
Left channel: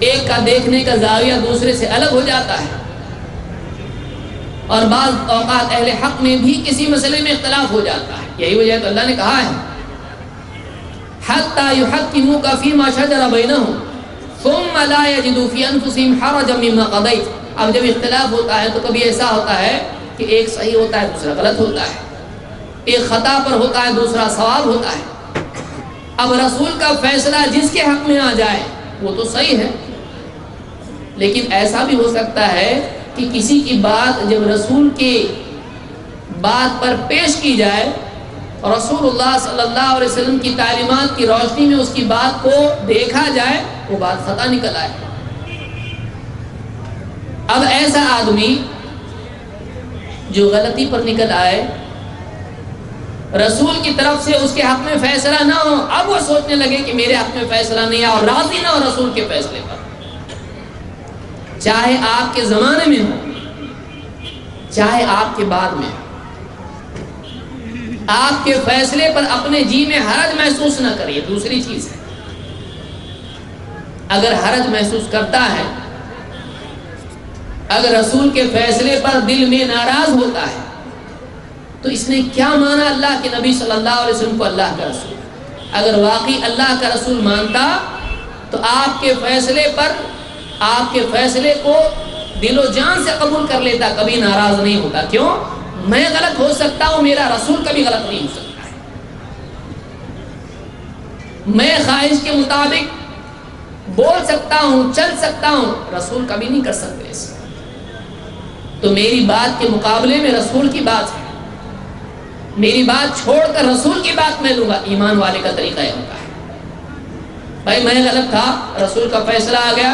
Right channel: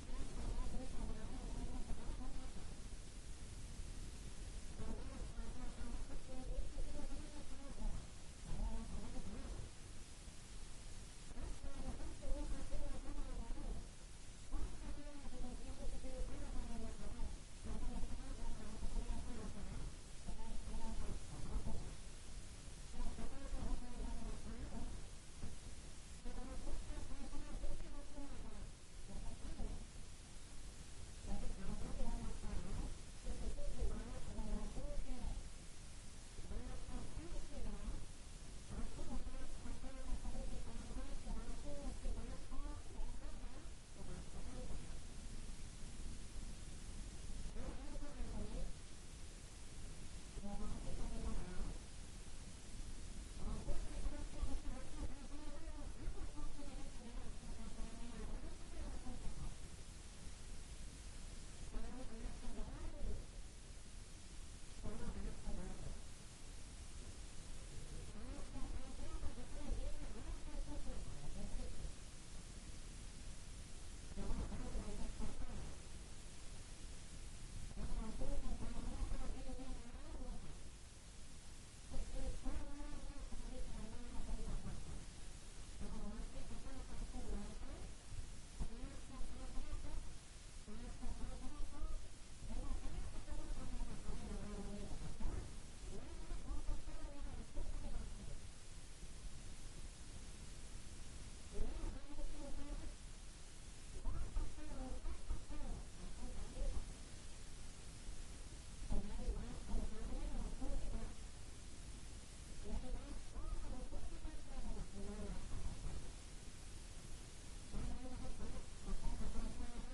ایک کا دیکھنے کا زاویہ دوسرے سے الگ ہو جاتا ہے، اور بعض اوقات اہل حق میں بھی کسی مسئلے میں اختلاف ہو جاتا ہے۔ یہی وجہ تو اللہ نے کہا ہے حَتَّى يُحَكِّمُوكَ فِي مَا شَجَرَ بَيْنَهُمْ ثُمَّ لَا يَجِدُوا فِي أَنفُسِهِمْ حَرَجًا مِّمَّا قَضَيْتَ۔ اب جب اختلاف ہوتا ہے تو کبھی ایسا ہوتا ہے کہ ایک صحیح ہوتا ہے دوسرا غلط ہوتا ہے، ایک خطا پر ہوتا ہے دوسرا صواب ہوتا ہے۔ اب رسول کا فیصلہ جس کے حق میں آ جائے وہ تو صحیح ہے، لیکن ایسا بھی ہو سکتا ہے کہ کسی کی بات جب رسول کے بات پر پیش کی جائے اور رسول اللہ صلی اللہ علیہ وسلم کی تعلیمات کی روشنی میں اس کی بات کو دیکھا جائے، وہ بات خطا نکل آئے۔ اب ایسا آدمی جو غلطی پر نکل آئے، رسول کی طرف سے اس کے حق میں فیصلہ نہ ہو، اب وہ سوچنے لگے کہ میرے حق میں فیصلہ نہیں ہے، اور راضی نہ ہو رسول کے فیصلے پر، چاہے آپ کے زمانے میں ہو چاہے آپ کے بعد میں، آپ کے فیصلے پر اپنے جی میں حرج محسوس نہ کریے۔ دوسری چیز ہے، اگر حرج محسوس کرتا ہے، اگر رسول کے فیصلے پر دل میں ناراض ہوتا ہے، تو اس نے کیا مانا اللہ کے نبی صلی اللہ علیہ وسلم کو اللہ کا رسول؟ اگر واقعی اللہ کا رسول مانتا تو آپ کے فیصلے پر، آپ کے فیصلے کو دل و جان سے قبول کر لیتا، کبھی ناراض نہیں ہوتا۔ کیوں؟ میں غلط ہو سکتا ہوں، میرا رسول کبھی غلط نہیں ہو سکتا ہے۔ میں خواہش کے مطابق بول سکتا ہوں، چل سکتا ہوں، رسول کبھی نہیں کر سکتے ایسا۔ تو میری بات کے مقابلے میں رسول کی بات ہے، میری بات چھوڑ کر رسول کی بات میں لوں گا۔ ایمان والے کا طریقہ یہ ہوتا ہے۔ بھائی میں غلط تھا، رسول کا فیصلہ آ گیا،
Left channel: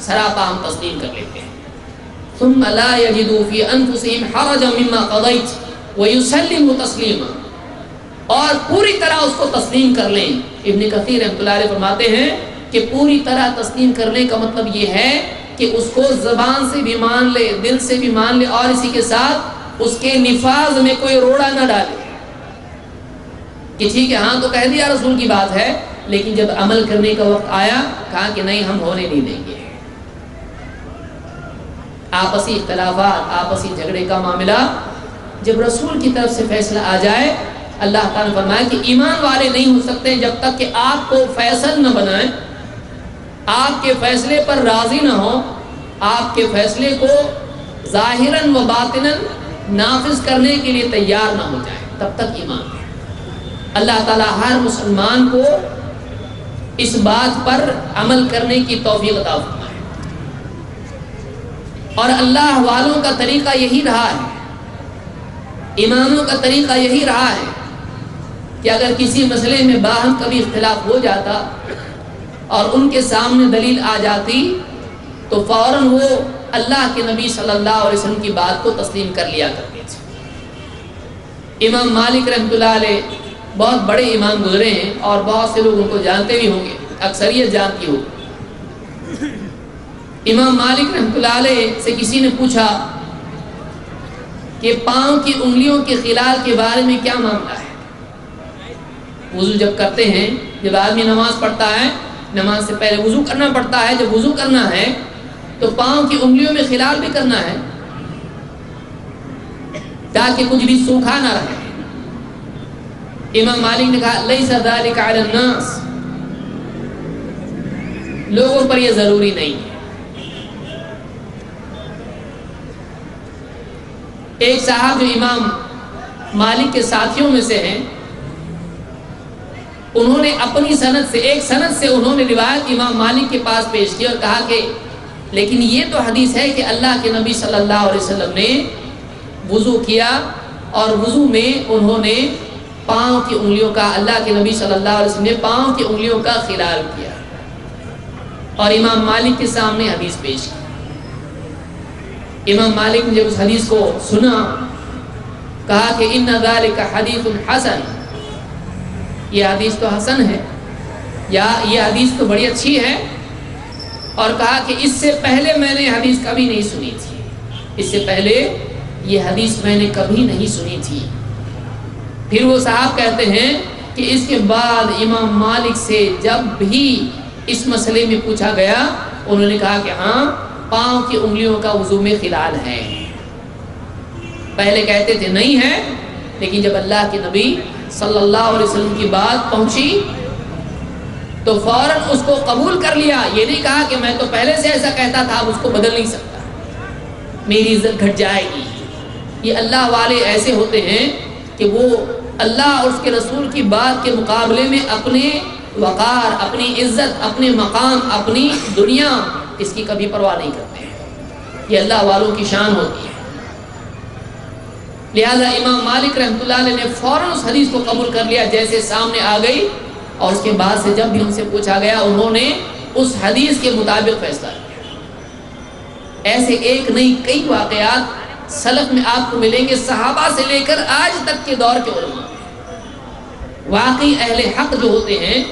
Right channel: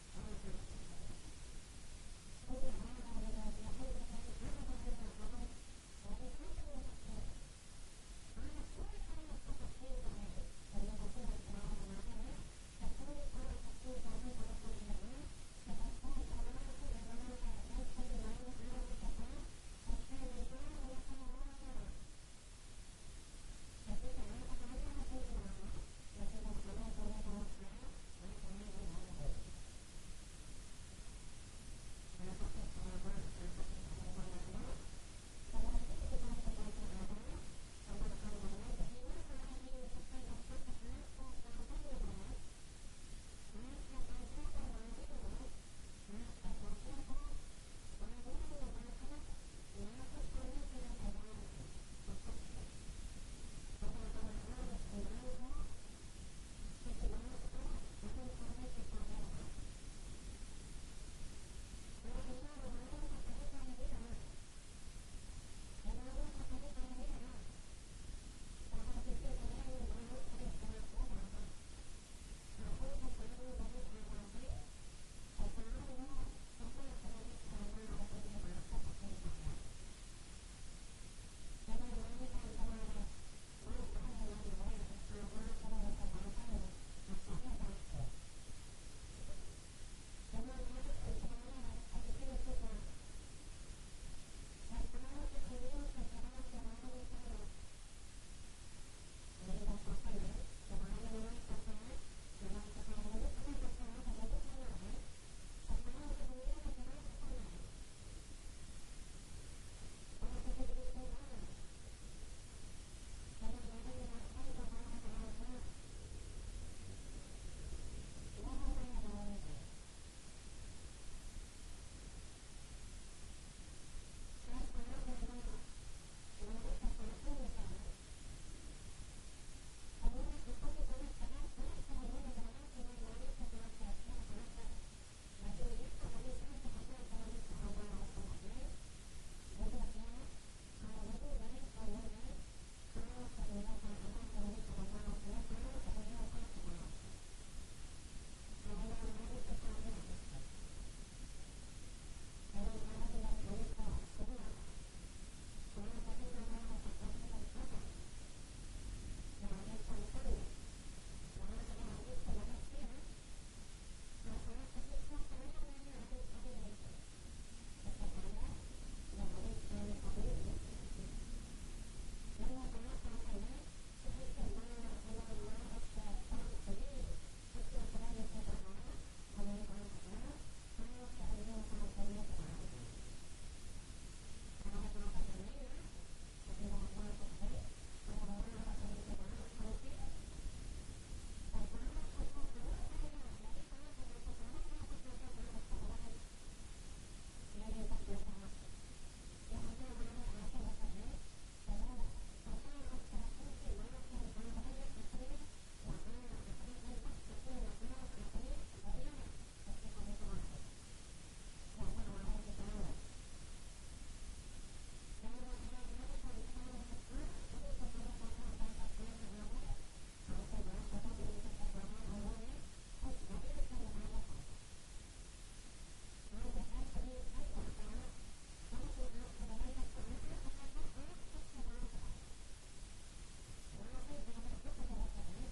سراپا ہم تسلیم کر لیتے ہیں۔ ثم لا يجدوا في انفسهم حرجا مما قضيت ويسلموا تسلیما، اور پوری طرح اس کو تسلیم کر لیں۔ ابن کثیر رحمۃ اللہ علیہ فرماتے ہیں کہ پوری طرح تسلیم کرنے کا مطلب یہ ہے کہ اس کو زبان سے بھی مان لے، دل سے بھی مان لے، اور اسی کے ساتھ اس کے نفاذ میں کوئی روڑا نہ ڈالے کہ ٹھیک ہے ہاں تو کہہ دیا رسول کی بات ہے، لیکن جب عمل کرنے کا وقت آیا کہا کہ نہیں ہم ہونے نہیں دیں گے۔ آپسی اختلافات، آپسی جھگڑے کا معاملہ جب رسول کی طرف سے فیصلہ آ جائے، اللہ تعالیٰ نے فرمایا کہ ایمان والے نہیں ہو سکتے جب تک کہ آپ کو فیصل نہ بنائیں، آپ کے فیصلے پر راضی نہ ہو، آپ کے فیصلے کو ظاہراً و باطناً نافذ کرنے کے لیے تیار نہ ہو جائے، تب تک ایمان ہے۔ اللہ تعالیٰ ہر مسلمان کو اس بات پر عمل کرنے کی توفیق عطا فرمائے۔ اور اللہ والوں کا طریقہ یہی رہا ہے، اماموں کا طریقہ یہی رہا ہے کہ اگر کسی مسئلے میں باہم کبھی اختلاف ہو جاتا اور ان کے سامنے دلیل آ جاتی تو فوراً وہ اللہ کے نبی صلی اللہ علیہ وسلم کی بات کو تسلیم کر لیا کرتے تھے۔ امام مالک رحمۃ اللہ علیہ بہت بڑے امام گزرے ہیں اور بہت سے لوگ ان کو جانتے بھی ہوں گے، اکثریت جانتی ہوگی۔ امام مالک رحمۃ اللہ علیہ سے کسی نے پوچھا کہ پاؤں کی انگلیوں کے خلال کے بارے میں کیا معاملہ ہے؟ وضو جب کرتے ہیں، جب آدمی نماز پڑھتا ہے، نماز سے پہلے وضو کرنا پڑتا ہے، جب وضو کرنا ہے تو پاؤں کی انگلیوں میں خلال بھی کرنا ہے تاکہ کچھ بھی سوکھا نہ رہے۔ امام مالک نے کہا لیس ذلک علی الناس، لوگوں پر یہ ضروری نہیں ہے۔ ایک صاحب جو امام مالک کے ساتھیوں میں سے ہیں، انہوں نے اپنی سند سے، ایک سند سے انہوں نے روایت امام مالک کے پاس پیش کی اور کہا کہ لیکن یہ تو حدیث ہے کہ اللہ کے نبی صلی اللہ علیہ وسلم نے وضو کیا اور وضو میں انہوں نے پاؤں کی انگلیوں کا، اللہ کے نبی صلی اللہ علیہ وسلم نے پاؤں کی انگلیوں کا خلال کیا، اور امام مالک کے سامنے حدیث پیش کی۔ امام مالک نے جب اس حدیث کو سنا کہا کہ ان ذالک حدیث حسن، یہ حدیث تو حسن ہے، یا یہ حدیث تو بڑی اچھی ہے، اور کہا کہ اس سے پہلے میں نے حدیث کبھی نہیں سنی تھی، اس سے پہلے یہ حدیث میں نے کبھی نہیں سنی تھی۔ پھر وہ صاحب کہتے ہیں کہ اس کے بعد امام مالک سے جب بھی اس مسئلے میں پوچھا گیا انہوں نے کہا کہ ہاں پاؤں کی انگلیوں کا وضو میں خلال ہے۔ پہلے کہتے تھے نہیں ہے، لیکن جب اللہ کے نبی صلی اللہ علیہ وسلم کی بات پہنچی تو فوراً اس کو قبول کر لیا۔ یہ نہیں کہا کہ میں تو پہلے سے ایسا کہتا تھا اب اس کو بدل نہیں سکتا، میری عزت گھٹ جائے گی۔ یہ اللہ والے ایسے ہوتے ہیں کہ وہ اللہ اور اس کے رسول کی بات کے مقابلے میں اپنے وقار، اپنی عزت، اپنے مقام، اپنی دنیا، اس کی کبھی پرواہ نہیں کرتے ہیں۔ یہ اللہ والوں کی شان ہوتی ہے۔ لہذا امام مالک رحمۃ اللہ علیہ نے فوراً اس حدیث کو قبول کر لیا جیسے سامنے آ گئی، اور اس کے بعد سے جب بھی ان سے پوچھا گیا انہوں نے اس حدیث کے مطابق فیصلہ کیا۔ ایسے ایک نہیں کئی واقعات سلف میں آپ کو ملیں گے، صحابہ سے لے کر آج تک کے دور کے علماء۔ واقعی اہل حق جو ہوتے ہیں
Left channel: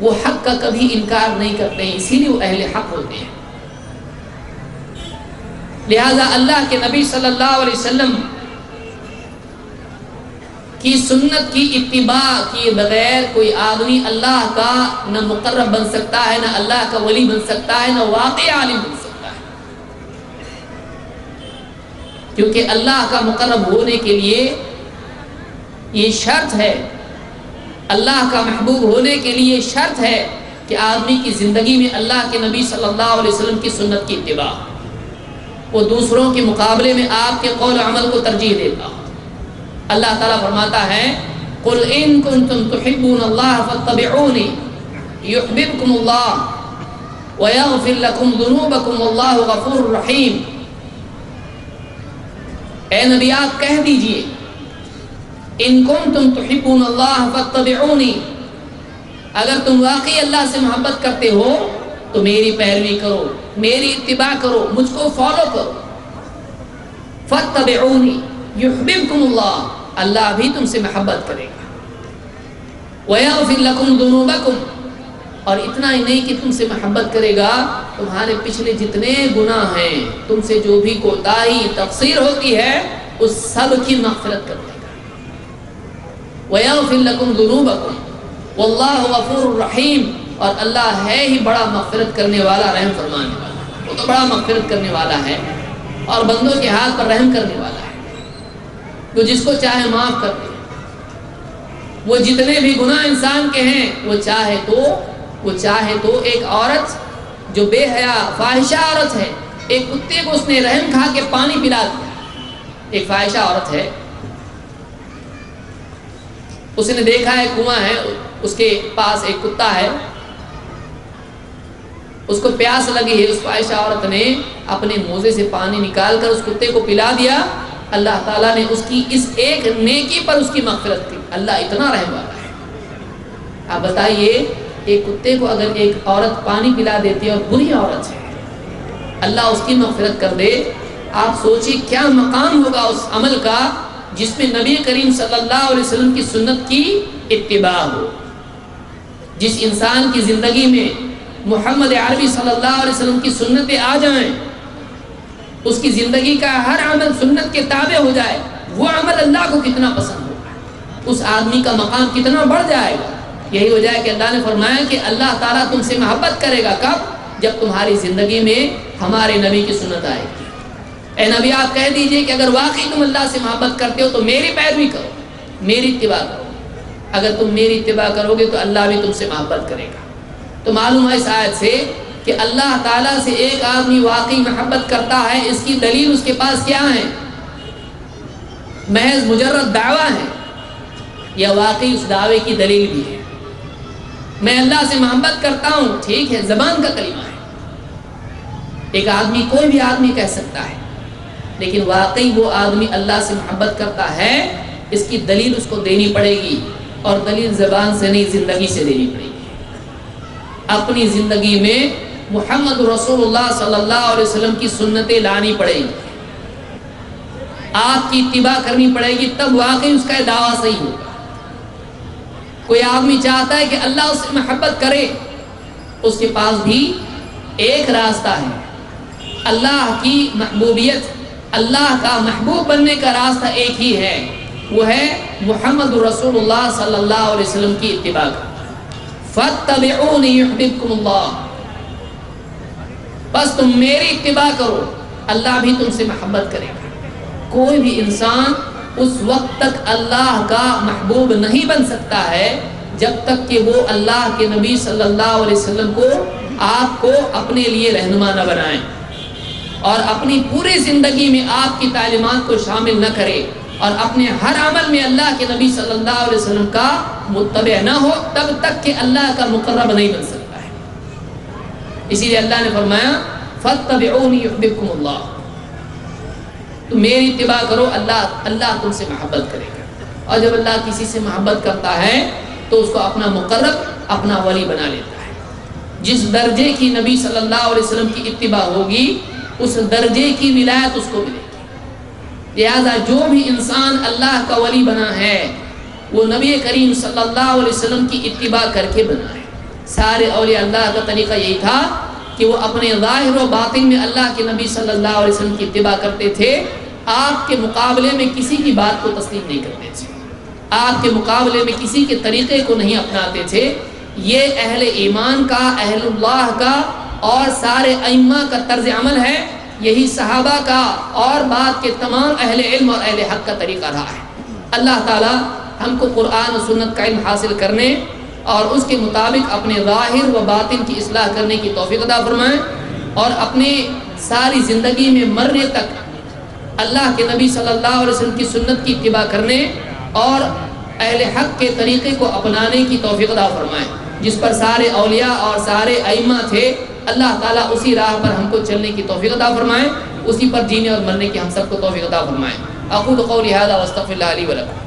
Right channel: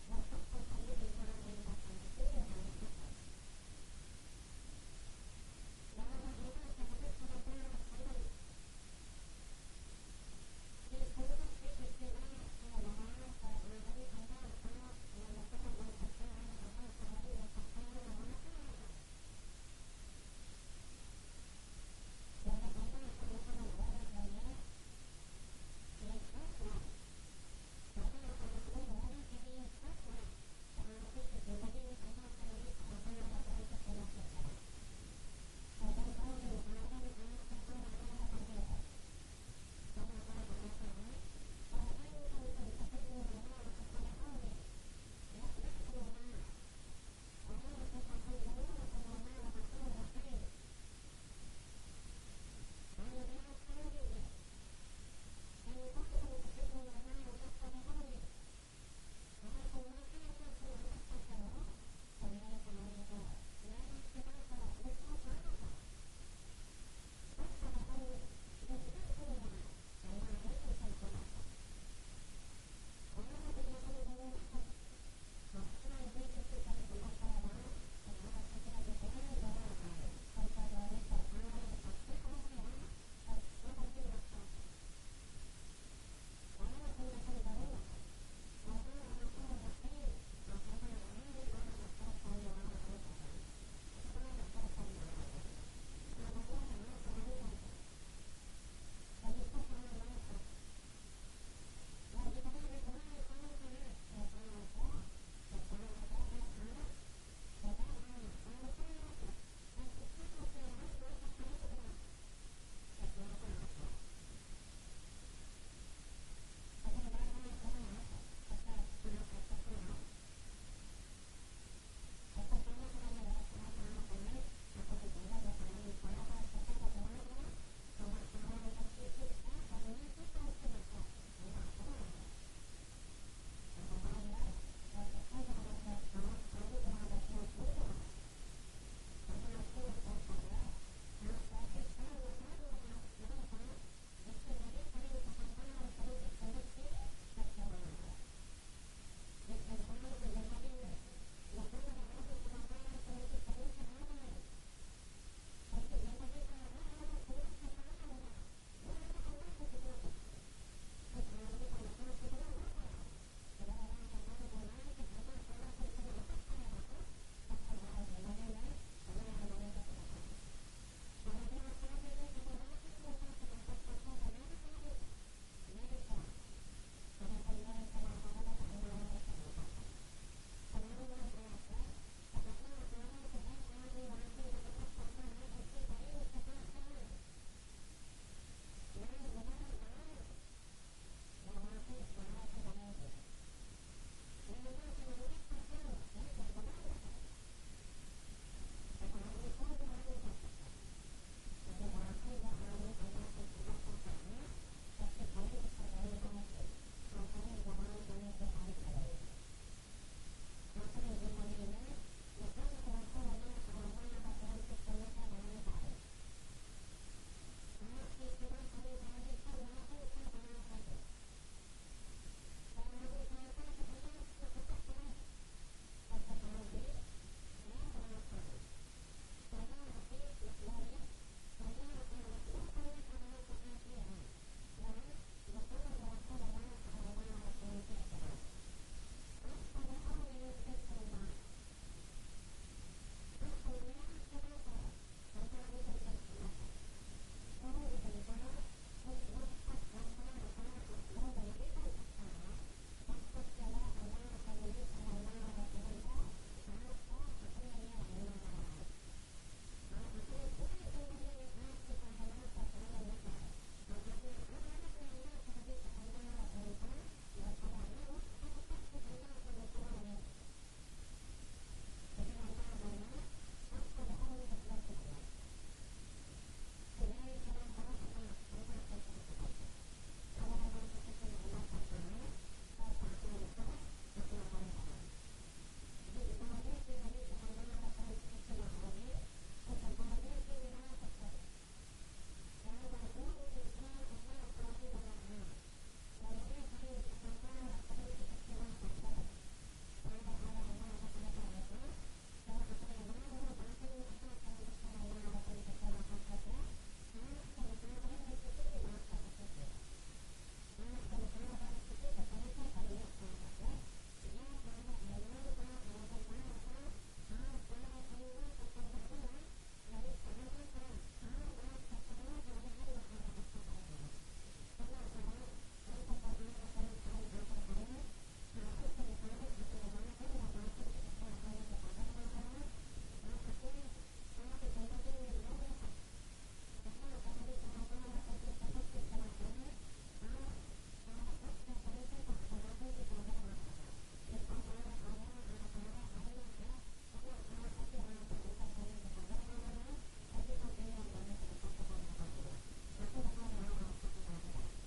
وہ حق کا کبھی انکار نہیں کرتے ہیں، اسی لیے وہ اہل حق ہوتے ہیں۔ لہذا اللہ کے نبی صلی اللہ علیہ وسلم کی سنت کی اتباع کیے بغیر کوئی آدمی اللہ کا نہ مقرب بن سکتا ہے، نہ اللہ کا ولی بن سکتا ہے، نہ واقعی عالم بن سکتا ہے، کیونکہ اللہ کا مقرب ہونے کے لیے یہ شرط ہے، اللہ کا محبوب ہونے کے لیے شرط ہے کہ آدمی کی زندگی میں اللہ کے نبی صلی اللہ علیہ وسلم کی سنت کی اتباع، وہ دوسروں کے مقابلے میں آپ کے قول و عمل کو ترجیح دیتا۔ اللہ تعالیٰ فرماتا ہے قُلْ إِن كُنتُمْ تُحِبُّونَ اللَّهَ فَاتَّبِعُونِ يُحْبِبْكُمُ اللَّهُ وَيَغْفِرْ لَكُمْ ذُنُوبَكُمْ وَاللَّهُ غَفُورٌ رَحِيمٌ۔ اے نبی آپ کہہ دیجئے ان کنتم تحبون اللہ فاتبعونی، اگر تم واقعی اللہ سے محبت کرتے ہو تو میری پیروی کرو، میری اتباع کرو، مجھ کو فالو کرو. فاتبعونی یحببکم اللہ، اللہ بھی تم سے محبت کرے گا. ویغفر لکم ذنوبکم، اور اتنا ہی نہیں کہ تم سے محبت کرے گا، تمہارے پچھلے جتنے گناہ ہیں، تم سے جو بھی کوتاہی تقصیر ہوتی ہے اس سب کی مغفرت کر دے گا. وَيَغْفِرْ لَكُمْ ذُنُوبَكُمْ وَاللَّهُ غَفُورٌ رَحِيمٌ، اور اللہ ہے ہی بڑا مغفرت کرنے والا، رحم فرمانے والا. وہ تو بڑا مغفرت کرنے والا ہے اور بندوں کے ہاتھ پر رحم کرنے والا ہے، جو جس کو چاہے معاف کر دے. وہ جتنے بھی گناہ انسان کے ہیں، وہ چاہے تو ایک عورت جو بے حیا فاحشہ عورت ہے، ایک کتے کو اس نے رحم کھا کے پانی پلا دیا. ایک فاحشہ عورت ہے، اس نے دیکھا ہے کنواں ہے، اس کے پاس ایک کتا ہے، اس کو پیاس لگی ہے. اس فاحشہ عورت نے اپنے موزے سے پانی نکال کر اس کتے کو پلا دیا. اللہ تعالیٰ نے اس کی اس ایک نیکی پر اس کی مغفرت کی. اللہ اتنا رحم والا ہے. آپ بتائیے، ایک کتے کو اگر ایک عورت پانی پلا دیتی ہے اور بری عورت ہے، اللہ اس کی مغفرت کر دے، آپ سوچیے کیا مقام ہوگا اس عمل کا جس میں نبی کریم صلی اللہ علیہ وسلم کی سنت کی اتباع ہو. جس انسان کی زندگی میں محمد عربی صلی اللہ علیہ وسلم کی سنتیں آ جائیں، اس کی زندگی کا ہر عمل سنت کے تابع ہو جائے، وہ عمل اللہ کو کتنا پسند ہوگا، اس آدمی کا مقام کتنا بڑھ جائے گا. یہی وجہ ہے کہ اللہ نے فرمایا کہ اللہ تعالیٰ تم سے محبت کرے گا. کب؟ جب تمہاری زندگی میں ہمارے نبی کی سنت آئے گی. اے نبی، آپ کہہ دیجئے کہ اگر واقعی تم اللہ سے محبت کرتے ہو تو میری پیروی کرو، میری اتباع کرو. اگر تم میری اتباع کرو گے تو اللہ بھی تم سے محبت کرے گا. تو معلوم ہے اس آیت سے کہ اللہ تعالیٰ سے ایک آدمی واقعی محبت کرتا ہے، اس کی دلیل اس کے پاس کیا ہے؟ محض مجرد دعویٰ ہے یا واقعی اس دعوے کی دلیل بھی ہے؟ میں اللہ سے محبت کرتا ہوں، ٹھیک ہے، زبان کا کلمہ ہے، ایک آدمی کوئی بھی آدمی کہہ سکتا ہے، لیکن واقعی وہ آدمی اللہ سے محبت کرتا ہے، اس کی دلیل اس کو دینی پڑے گی. اور دلیل زبان سے نہیں، زندگی سے دینی پڑے گی. اپنی زندگی میں محمد رسول اللہ صلی اللہ علیہ وسلم کی سنتیں لانی پڑے گی، آپ کی اتباع کرنی پڑے گی، تب واقعی اس کا دعویٰ صحیح ہوگا. کوئی آدمی چاہتا ہے کہ اللہ اس سے محبت کرے، اس کے پاس بھی ایک راستہ ہے. اللہ کی محبوبیت، اللہ کا محبوب بننے کا راستہ ایک ہی ہے، وہ ہے محمد رسول اللہ صلی اللہ علیہ وسلم کی اتباع کا. فَاتَّبِعُونِ يُحْبِبْكُمُ اللَّهُ، بس تم میری اتباع کرو، اللہ بھی تم سے محبت کرے گا. کوئی بھی انسان اس وقت تک اللہ کا محبوب نہیں بن سکتا ہے جب تک کہ وہ اللہ کے نبی صلی اللہ علیہ وسلم کو، آپ کو اپنے لیے رہنما نہ بنائیں اور اپنی پوری زندگی میں آپ کی تعلیمات کو شامل نہ کرے اور اپنے ہر عمل میں اللہ کے نبی صلی اللہ علیہ وسلم کا متبع نہ ہو، تب تک کہ اللہ کا مقرب نہیں بن سکتا ہے. اسی لیے اللہ نے فرمایا فَاتَّبِعُونِ يُحْبِبْكُمُ اللَّهُ، تو میری اتباع کرو، اللہ تم سے محبت کرے گا. اور جب اللہ کسی سے محبت کرتا ہے تو اس کو اپنا مقرب، اپنا ولی بنا لیتا ہے. جس درجے کی نبی صلی اللہ علیہ وسلم کی اتباع ہوگی، اس درجے کی ولایت اس کو ملے گی. لہذا جو بھی انسان اللہ کا ولی بنا ہے وہ نبی کریم صلی اللہ علیہ وسلم کی اتباع کر کے بنا ہے. سارے اولیاء اللہ کا طریقہ یہی تھا کہ وہ اپنے ظاہر و باطن میں اللہ کے نبی صلی اللہ علیہ وسلم کی اتباع کرتے تھے. آپ کے مقابلے میں کسی کی بات کو تسلیم نہیں کرتے تھے، آپ کے مقابلے میں کسی کے طریقے کو نہیں اپناتے تھے. یہ اہل ایمان کا، اہل اللہ کا اور سارے ائمہ کا طرز عمل ہے. یہی صحابہ کا اور بعد کے تمام اہل علم اور اہل حق کا طریقہ رہا ہے. اللہ تعالی ہم کو قرآن و سنت کا علم حاصل کرنے اور اس کے مطابق اپنے ظاہر و باطن کی اصلاح کرنے کی توفیق عطا فرمائے، اور اپنے ساری زندگی میں مرنے تک اللہ کے نبی صلی اللہ علیہ وسلم کی سنت کی اتباع کرنے اور اہل حق کے طریقے کو اپنانے کی توفیق عطا فرمائے. جس پر سارے اولیاء اور سارے ائمہ تھے، اللہ تعالیٰ اسی راہ پر ہم کو چلنے کی توفیق عطا فرمائے، اسی پر جینے اور مرنے کی ہم سب کو توفیق عطا فرمائے. اقول قولی ھذا واستغفر اللہ لی ولکم.